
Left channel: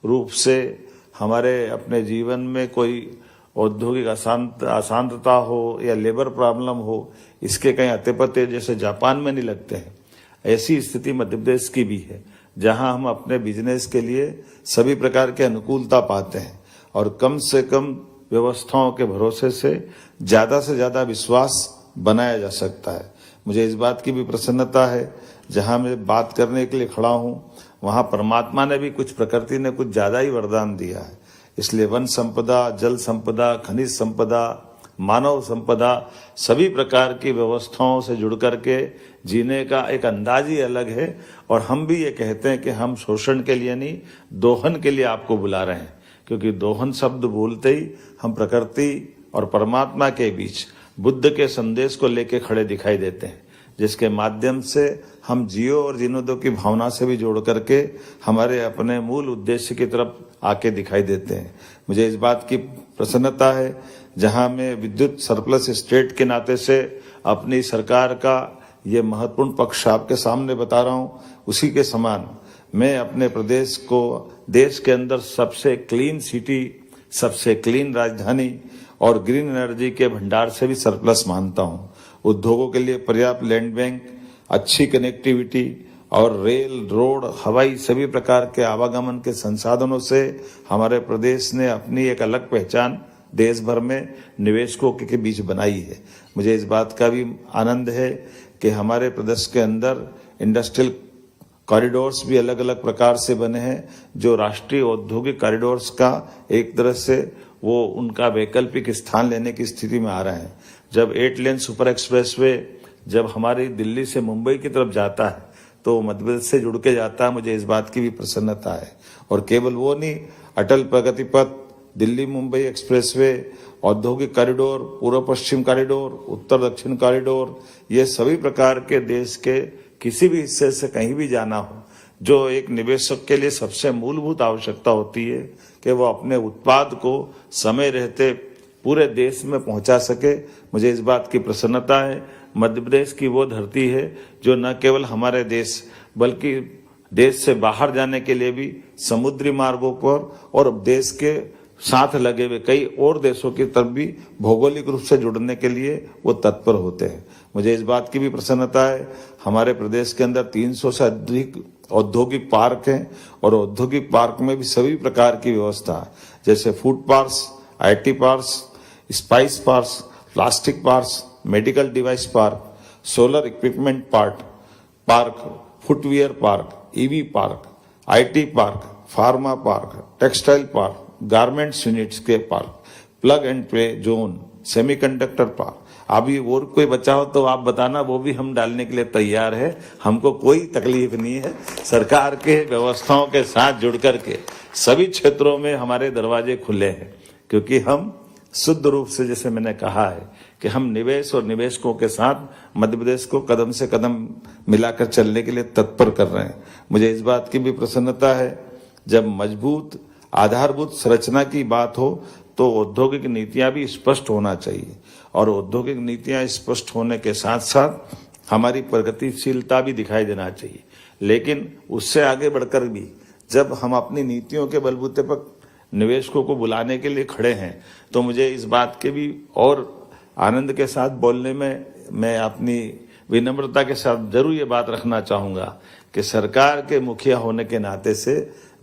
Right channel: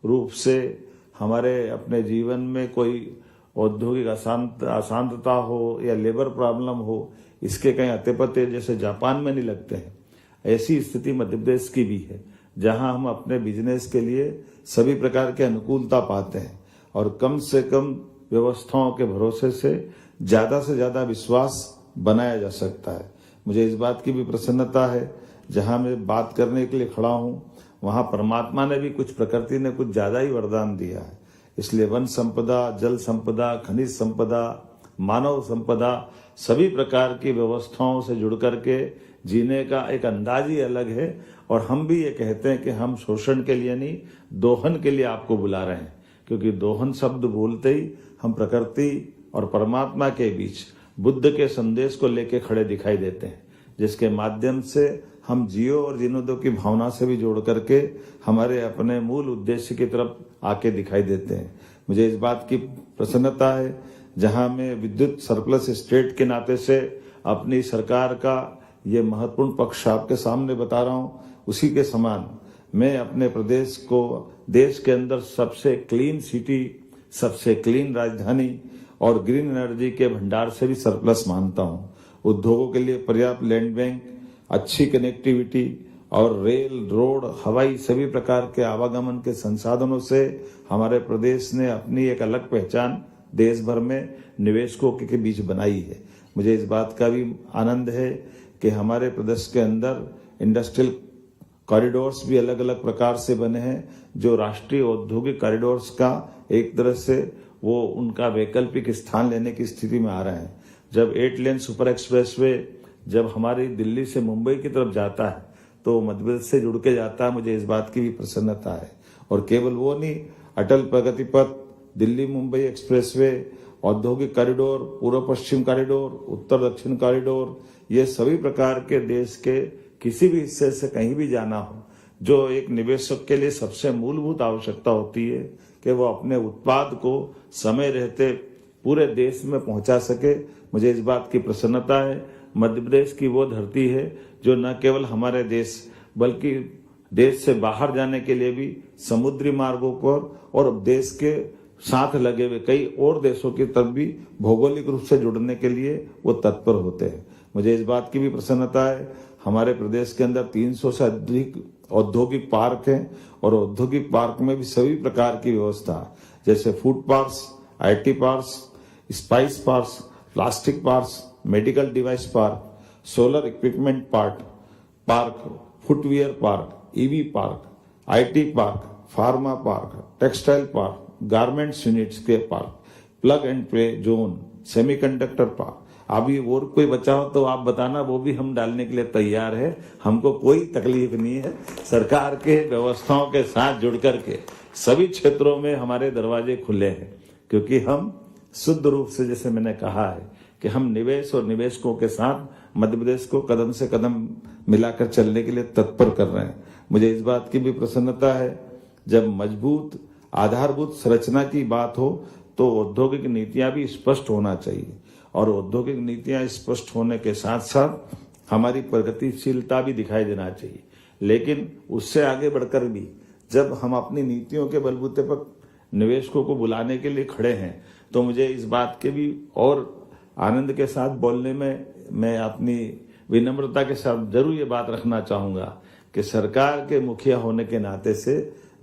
रूप से हमारे अपने जीवन में कोई औद्योगिक अशांतता हो या लेबर प्रॉब्लम हो, इसके कहीं अते पते जैसे जापान में नहीं लगते हैं। ऐसी स्थिति मध्य प्रदेश की भी है, जहां हम अपने बिजनेस के लिए सभी प्रकार के अनुकूलता पाते हैं और कम से कम व्यवस्थाओं के भरोसे से ज्यादा विश्वास बनाया जा सकता है। मुझे इस बात की भी प्रसन्नता है, जहां मैं बात करने के लिए खड़ा हूं, वहां परमात्मा ने भी प्रकृति ने कुछ ज्यादा ही वरदान दिया है। इसलिए वन संपदा, जल संपदा, खनिज संपदा, मानव संपदा, सभी प्रकार की व्यवस्थाओं से जुड़ करके जीने का एक अंदाज ही अलग है। और हम भी ये कहते हैं कि हम शोषण के लिए नहीं, दोहन के लिए आपको बुला रहे हैं, क्योंकि दोहन शब्द बोलते ही हम प्रकृति और परमात्मा के बीच बुद्ध के संदेश को लेके खड़े दिखाई देते हैं, जिसके माध्यम से हम जियो और जीने दो की भावना से भी जोड़ करके हमारे अपने मूल उद्देश्य की तरफ आके दिखाई देते हैं। मुझे इस बात की प्रसन्नता है, जहां मैं विद्युत सरप्लस स्टेट के नाते से अपनी सरकार का ये महत्वपूर्ण पक्ष आपके सामने बता रहा हूं, उसी के समान मैं अपने प्रदेश को देश के अंदर सबसे क्लीन सिटी, सबसे क्लीन राजधानी और ग्रीन एनर्जी के भंडार से भी सरप्लस मानता हूं। उद्योगों के लिए पर्याप्त लैंड बैंक, अच्छी कनेक्टिविटी और रेल, रोड, हवाई सभी प्रकार के आवागमन के संसाधनों से हमारे प्रदेश ने अपनी एक अलग पहचान देश भर में निवेशकों के बीच बनाई है। मुझे इस बात का भी आनंद है कि हमारे प्रदेश के अंदर इंडस्ट्रियल कॉरिडोर्स भी अलग अलग प्रकार से बने हैं, जो राष्ट्रीय औद्योगिक कॉरिडोर्स का एक तरह से वो उनका वैकल्पिक स्थान लेने की स्थिति में आ रहे हैं। जब 8 लेन सुपर एक्सप्रेसवे जब हमारी दिल्ली से मुंबई की तरफ जाता है तो मध्य प्रदेश से जुड़ के जाता है, मुझे इस बात की भी प्रसन्नता है। और केवल वो नहीं, अटल प्रगति पथ, दिल्ली मुंबई एक्सप्रेसवे, औद्योगिक कॉरिडोर, पूर्व पश्चिम कॉरिडोर, उत्तर दक्षिण कॉरिडोर, ये सभी प्रकार के देश के किसी भी हिस्से से कहीं भी जाना हो, जो एक निवेशक के लिए सबसे मूलभूत आवश्यकता होती है कि वो अपने उत्पाद को समय रहते पूरे देश में पहुंचा सके। मुझे इस बात की प्रसन्नता है, मध्य प्रदेश की वो धरती है जो न केवल हमारे देश बल्कि देश से बाहर जाने के लिए भी समुद्री मार्गों पर और देश के साथ लगे हुए कई और देशों की तरफ भी भौगोलिक रूप से जुड़ने के लिए वो तत्पर होते हैं। मुझे इस बात की भी प्रसन्नता है, हमारे प्रदेश के अंदर 300 से अधिक औद्योगिक पार्क हैं और औद्योगिक पार्क में भी सभी प्रकार की व्यवस्था, जैसे food parks, IT parks, spice parks, plastic parks, medical device park, solar equipment park, footwear park, EV park, IT park, pharma park, textile park, garments units के park, plug and play zone, semiconductor park. अभी और कोई बचा हो तो आप बताना, वो भी हम डालने के लिए तैयार है, हमको कोई तकलीफ नहीं है। सरकार के व्यवस्थाओं के साथ जुड़ करके सभी क्षेत्रों में हमारे दरवाजे खुले हैं, क्योंकि हम शुद्ध रूप से, जैसे मैंने कहा है, कि हम निवेश और निवेशकों के साथ मध्य प्रदेश को कदम से कदम मिलाकर चलने के लिए तत्पर कर रहे हैं। मुझे इस बात की भी प्रसन्नता है, जब मजबूत आधारभूत संरचना की बात हो तो औद्योगिक नीतियां भी स्पष्ट होना चाहिए, और औद्योगिक नीतियां स्पष्ट होने के साथ साथ हमारी प्रगतिशीलता भी दिखाई देना चाहिए। लेकिन उससे आगे बढ़कर भी जब हम अपनी नीतियों के बलबूते पर निवेशकों को बुलाने के लिए खड़े हैं, तो मुझे इस बात के भी और आनंद के साथ बोलने में मैं अपनी विनम्रता के साथ जरूर ये बात रखना चाहूंगा कि सरकार के मुखिया होने के नाते से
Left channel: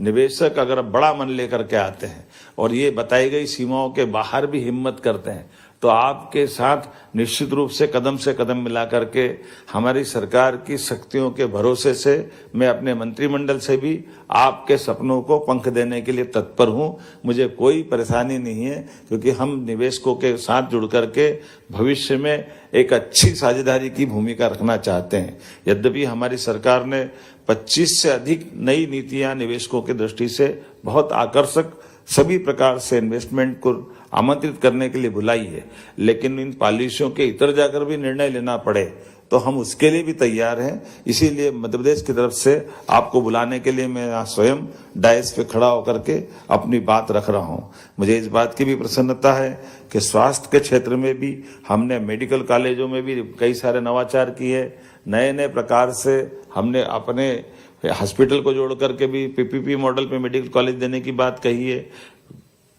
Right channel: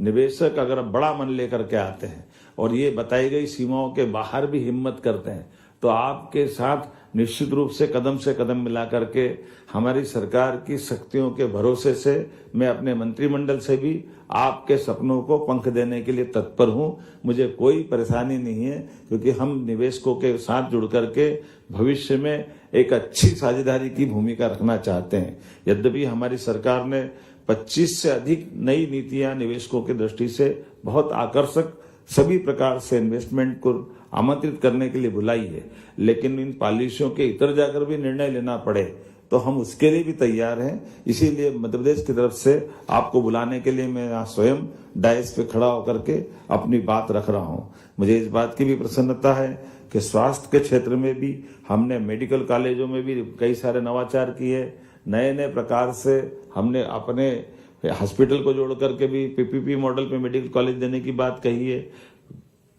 निवेशक अगर बड़ा मन लेकर के आते हैं और ये बताई गई सीमाओं के बाहर भी हिम्मत करते हैं, तो आपके साथ निश्चित रूप से कदम मिला करके हमारी सरकार की शक्तियों के भरोसे से मैं अपने मंत्रिमंडल से भी आपके सपनों को पंख देने के लिए तत्पर हूं। मुझे कोई परेशानी नहीं है, क्योंकि हम निवेशकों के साथ जुड़ करके भविष्य में एक अच्छी साझेदारी की भूमिका रखना चाहते हैं। यद्यपि हमारी सरकार ने 25 से अधिक नई नीतियां निवेशकों की दृष्टि से बहुत आकर्षक सभी प्रकार से इन्वेस्टमेंट को आमंत्रित करने के लिए बुलाई है, लेकिन इन पॉलिसियों के इतर जाकर भी निर्णय लेना पड़े तो हम उसके लिए भी तैयार हैं। इसीलिए मध्य प्रदेश की तरफ से आपको बुलाने के लिए मैं स्वयं डायस पे खड़ा होकर के अपनी बात रख रहा हूं। मुझे इस बात की भी प्रसन्नता है कि स्वास्थ्य के क्षेत्र में भी हमने मेडिकल कॉलेजों में भी कई सारे नवाचार किए, नए नए प्रकार से हमने अपने हॉस्पिटल को जोड़ करके भी पीपीपी मॉडल पे मेडिकल कॉलेज देने की बात कही है।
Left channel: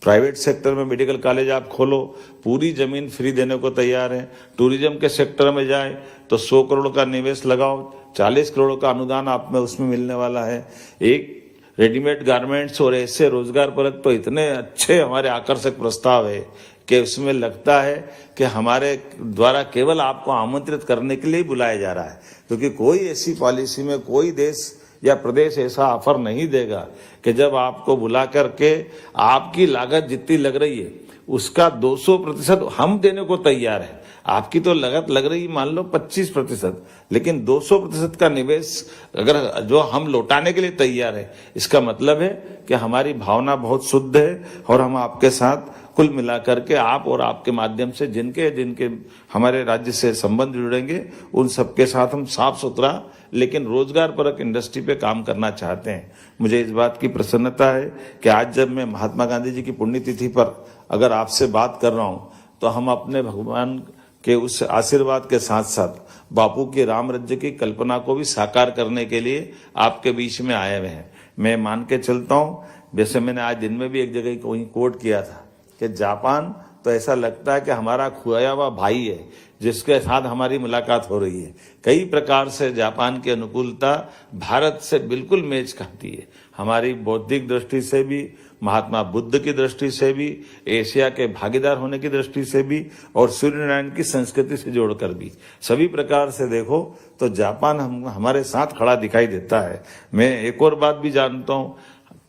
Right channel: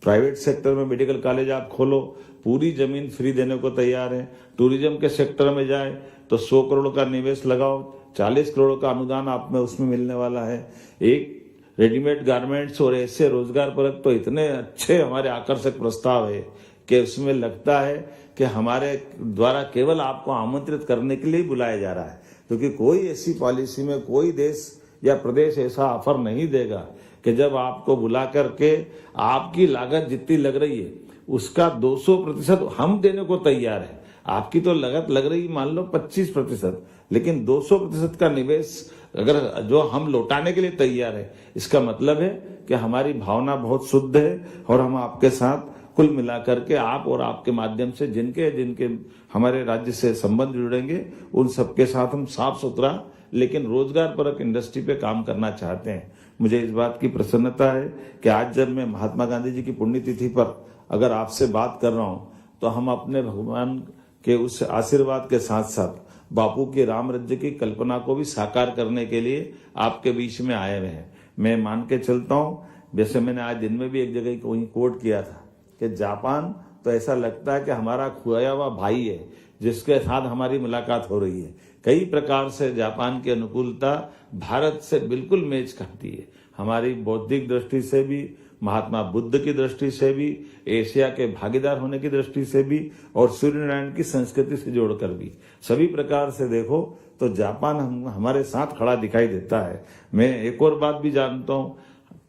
प्राइवेट सेक्टर में मेडिकल कॉलेज आप खोलो, पूरी जमीन फ्री देने को तैयार है। टूरिज्म के सेक्टर में जाए तो 100 करोड़ का निवेश लगाओ, 40 करोड़ का अनुदान आप में उसमें मिलने वाला है। एक रेडीमेड गारमेंट्स और ऐसे रोजगार परक तो इतने अच्छे हमारे आकर्षक प्रस्ताव है कि उसमें लगता है कि हमारे द्वारा केवल आपको आमंत्रित करने के लिए ही बुलाया जा रहा है, क्योंकि कोई ऐसी पॉलिसी में कोई देश या प्रदेश ऐसा ऑफर नहीं देगा कि जब आपको बुला करके आपकी लागत जितनी लग रही है उसका 200% हम देने को तैयार है। आपकी तो लागत लग रही मान लो 25%, लेकिन 200% का निवेश अगर जो हम लौटाने के लिए तैयार है, इसका मतलब है कि हमारी भावना बहुत शुद्ध है और हम आपके साथ कुल मिलाकर के आप और आपके माध्यम से जिनके जिनके हमारे राज्य से संबंध जुड़ेंगे उन सबके साथ हम साफ सुथरा लेकिन रोजगार परक इंडस्ट्री पे काम करना चाहते हैं। मुझे इस बात की प्रसन्नता है कि आज जब मैं महात्मा गांधी जी की पुण्यतिथि पर अगर आपसे बात कर रहा हूं तो हम अपने भगवान के उस आशीर्वाद के साथ साथ बापू के राम राज्य की कल्पना को भी साकार करने के लिए आपके बीच में आए हुए हैं। मैं मान के चलता हूं, जैसे मैंने आज दिन में भी एक जगह कोट किया था कि जापान तो ऐसा लगता है कि हमारा खोया हुआ भाई है जिसके साथ हमारी मुलाकात हो रही है। कई प्रकार से जापान की अनुकूलता भारत से बिल्कुल मेच खाती है। हमारी बौद्धिक दृष्टि से भी, महात्मा बुद्ध की दृष्टि से भी, एशिया के भागीदार होने की दृष्टि से भी और सूर्यनारायण की संस्कृति से जोड़कर भी, सभी प्रकार से देखो तो जापान हमारे साथ खड़ा दिखाई देता है। मैं एक और बात भी जानता हूँ,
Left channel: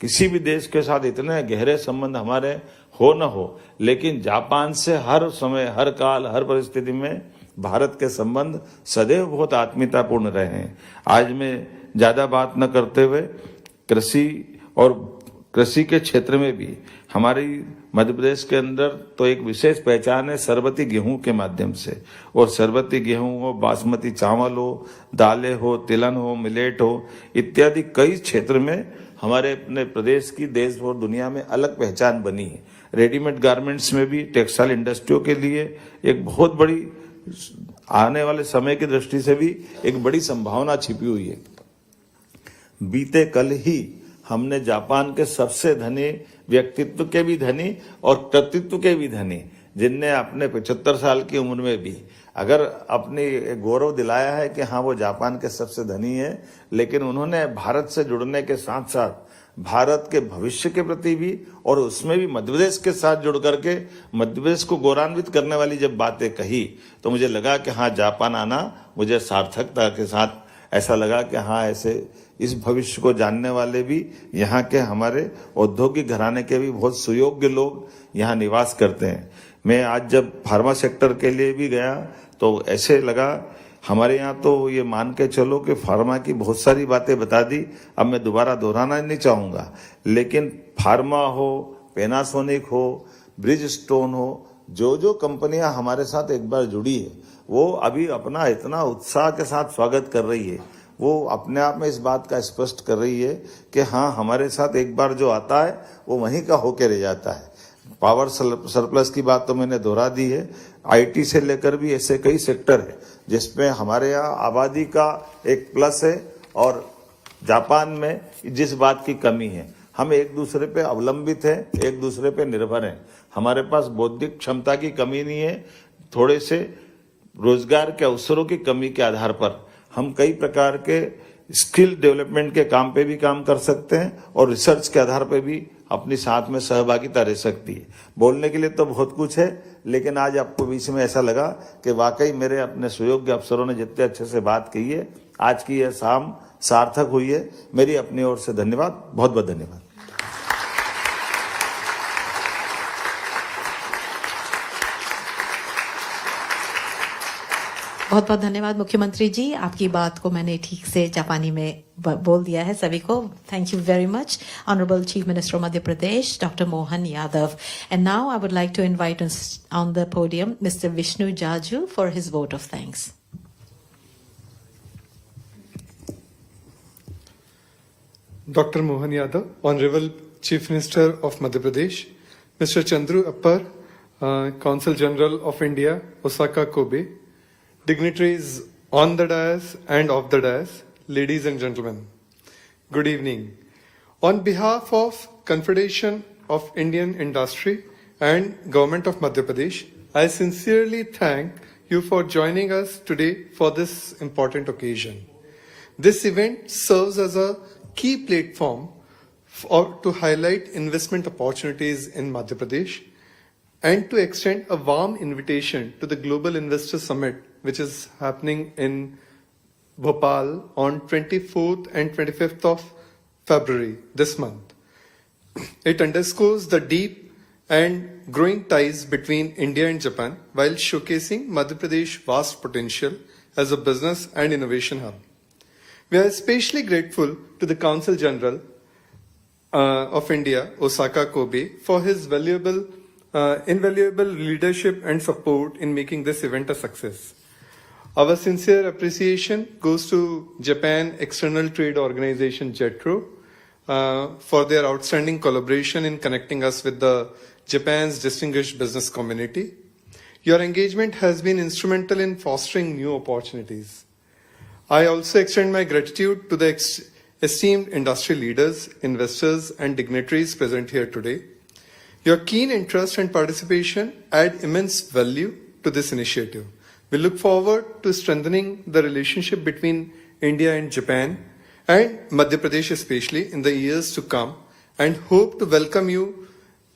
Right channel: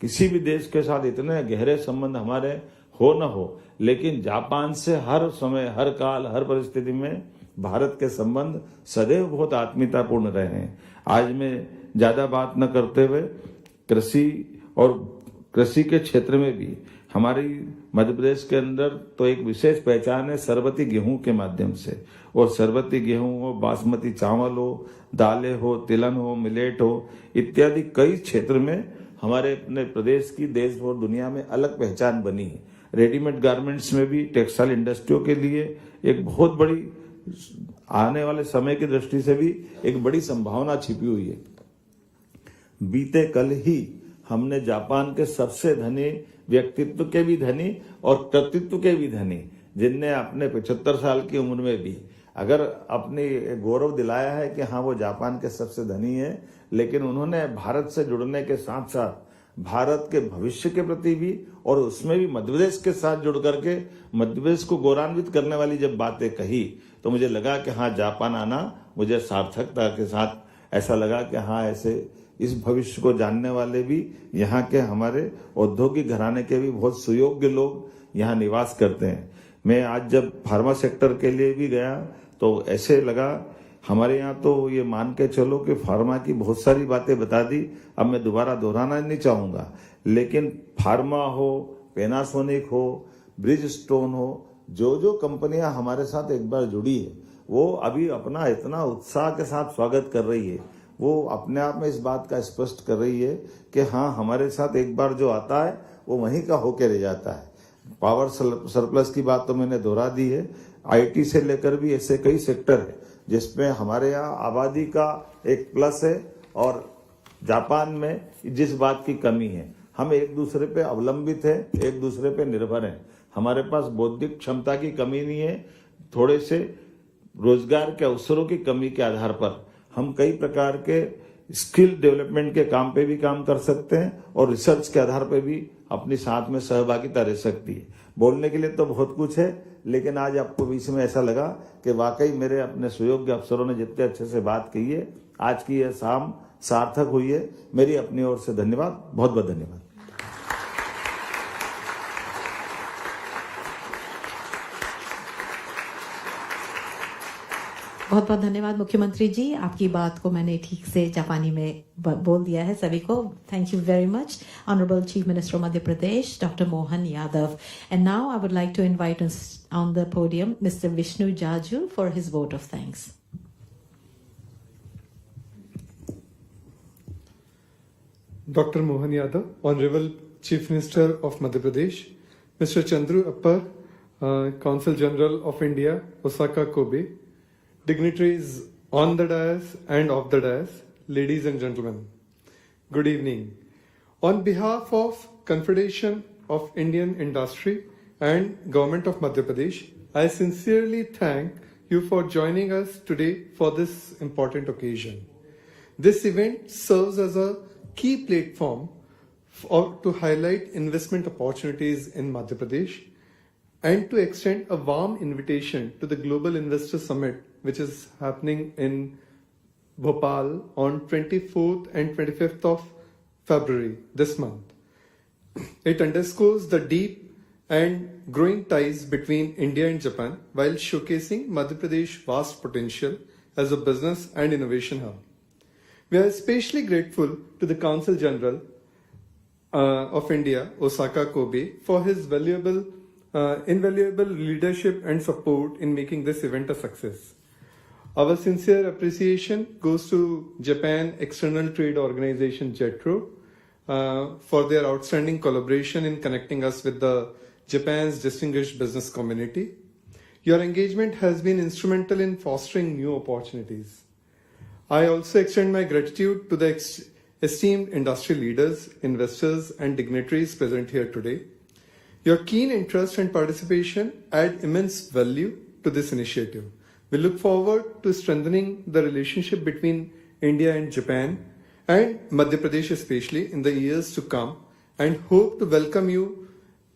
किसी भी देश के साथ इतने गहरे संबंध हमारे हो न हो, लेकिन जापान से हर समय, हर काल, हर परिस्थिति में भारत के संबंध सदैव बहुत आत्मीयतापूर्ण रहे हैं। आज मैं ज्यादा बात न करते हुए कृषि के क्षेत्र में भी हमारी मध्य प्रदेश के अंदर तो एक विशेष पहचान है सरबती गेहूं के माध्यम से। और सरबती गेहूं हो, बासमती चावल हो, दालें हो, तिलहन हो, मिलेट हो, इत्यादि कई क्षेत्र में हमारे अपने प्रदेश की देश और दुनिया में अलग पहचान बनी है। रेडीमेड गारमेंट्स में भी टेक्सटाइल इंडस्ट्रियों के लिए एक बहुत बड़ी, आने वाले समय की दृष्टि से भी एक बड़ी संभावना छिपी हुई है। बीते कल ही हमने जापान के सबसे धनी व्यक्तित्व के भी धनी और कर्तृत्व के भी धनी, जिनने अपने 75 साल की उम्र में भी अगर अपनी गौरव दिलाया है कि हाँ वो जापान के सबसे धनी है, लेकिन उन्होंने भारत से जुड़ने के साथ साथ भारत के भविष्य के प्रति भी और उसमें भी मध्य प्रदेश के साथ जुड़ करके मध्य प्रदेश को गौरवान्वित करने वाली जब बातें कही तो मुझे लगा कि हाँ जापान आना मुझे सार्थकता के साथ ऐसा लगा कि हाँ ऐसे इस भविष्य को जानने वाले भी यहाँ के हमारे औद्योगिक घराने के भी बहुत सुयोग्य लोग यहाँ निवास करते हैं। मैं आज जब फार्मा सेक्टर के लिए भी गया तो ऐसे लगा, हमारे यहाँ तो ये मान के चलो कि फार्मा की बहुत सारी बातें बता दी, अब मैं दोबारा दोहराना नहीं चाहूँगा, लेकिन फार्मा हो, पैनासोनिक हो, ब्रिज स्टोन हो, जो कंपनियां हमारे साथ एक बार जुड़ी है वो अभी अपना इतना उत्साह के साथ स्वागत कर रही है। वो अपने आप में इस बात का स्पष्ट कर रही है कि हाँ हमारे साथ एक बार जो आता है वो वहीं का होके रह जाता है। पावर सरप्लस की बात तो मैंने दोहरा दी है। आईटी से लेकर भी ऐसे कई सेक्टर है जिसमें हमारे यहाँ आबादी का एक प्लस है और जापान में जिस बात की कमी है, हम एक दूसरे पे अवलंबित है, एक दूसरे पे निर्भर हैं। हमारे पास बौद्धिक क्षमता की कमी नहीं है, थोड़े से रोजगार के अवसरों की कमी के आधार पर हम कई प्रकार के स्किल डेवलपमेंट के काम पे भी काम कर सकते हैं और रिसर्च के आधार पे भी अपनी साथ में सहभागिता रह सकती है। बोलने के लिए तो बहुत कुछ है, लेकिन आज आपको बीच में ऐसा लगा कि वाकई मेरे अपने सुयोग्य अफसरों ने जितने अच्छे से बात की है, आज की यह शाम सार्थक हुई है। मेरी अपनी ओर से धन्यवाद, बहुत बहुत धन्यवाद। बहुत बहुत धन्यवाद मुख्यमंत्री जी, आपकी बात को मैंने ठीक से जापानी में बोल दिया है सभी को। Thank you very much, honourable chief minister of Madhya Pradesh doctor Mohan Yadav. And now I would like to invite on the podium mister Vishnu Jaju for his vote of thanks. Dr. Mohan Yadav, Honorable Chief Minister of Madhya Pradesh, Mr. Chandru Appar, Consul General of India, Osaka, Kobe, dignitaries on the dais and off the dais, ladies and gentlemen, good evening. On behalf of Confederation of Indian Industry and Government of Madhya Pradesh, I sincerely thank you for joining us today for this important occasion. This event serves as a key platform to highlight investment opportunities in Madhya Pradesh and to extend a warm invitation to the Global Investor Summit, which is happening in Bhopal on 24th and 25th of February this month. It underscores the deep and growing ties between India and Japan while showcasing Madhya Pradesh's vast potential as a business and innovation hub. We are especially grateful to the Consul General of India, Osaka Kobe, for his invaluable leadership and support in making this event a success. Our sincere appreciation goes to Japan External Trade Organization, JETRO, for their outstanding collaboration in connecting us with the Japan's distinguished business community. Your engagement has been instrumental in fostering new opportunities. I also extend my gratitude to the esteemed industry leaders, investors, and dignitaries present here today. Your keen interest and participation add immense value to this initiative. We look forward to strengthening the relationship between India and Japan and Madhya Pradesh especially in the years to come, and hope to welcome you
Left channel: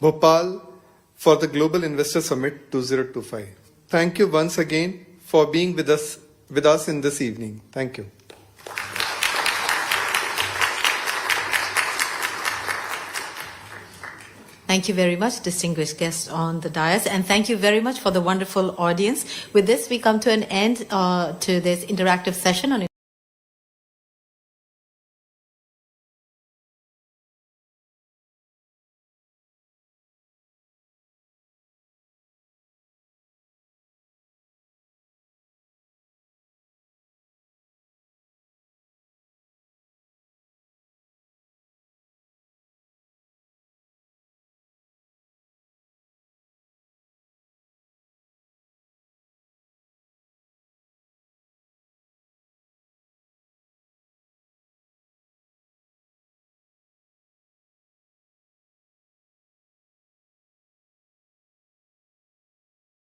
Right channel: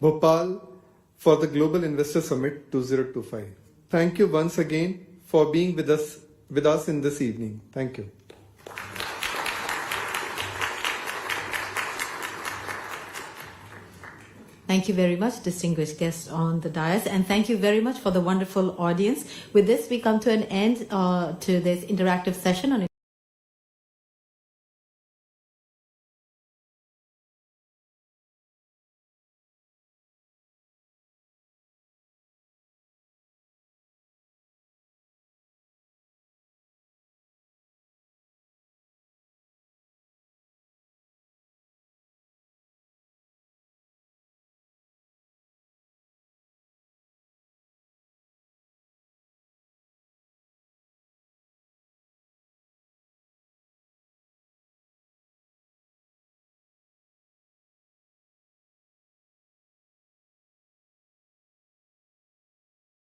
Bhopal for the Global Investor Summit 2025. Thank you once again for being with us in this evening. Thank you. Thank you very much, distinguished guests on the dais, and thank you very much for the wonderful audience. With this, we come to an end to this interactive session on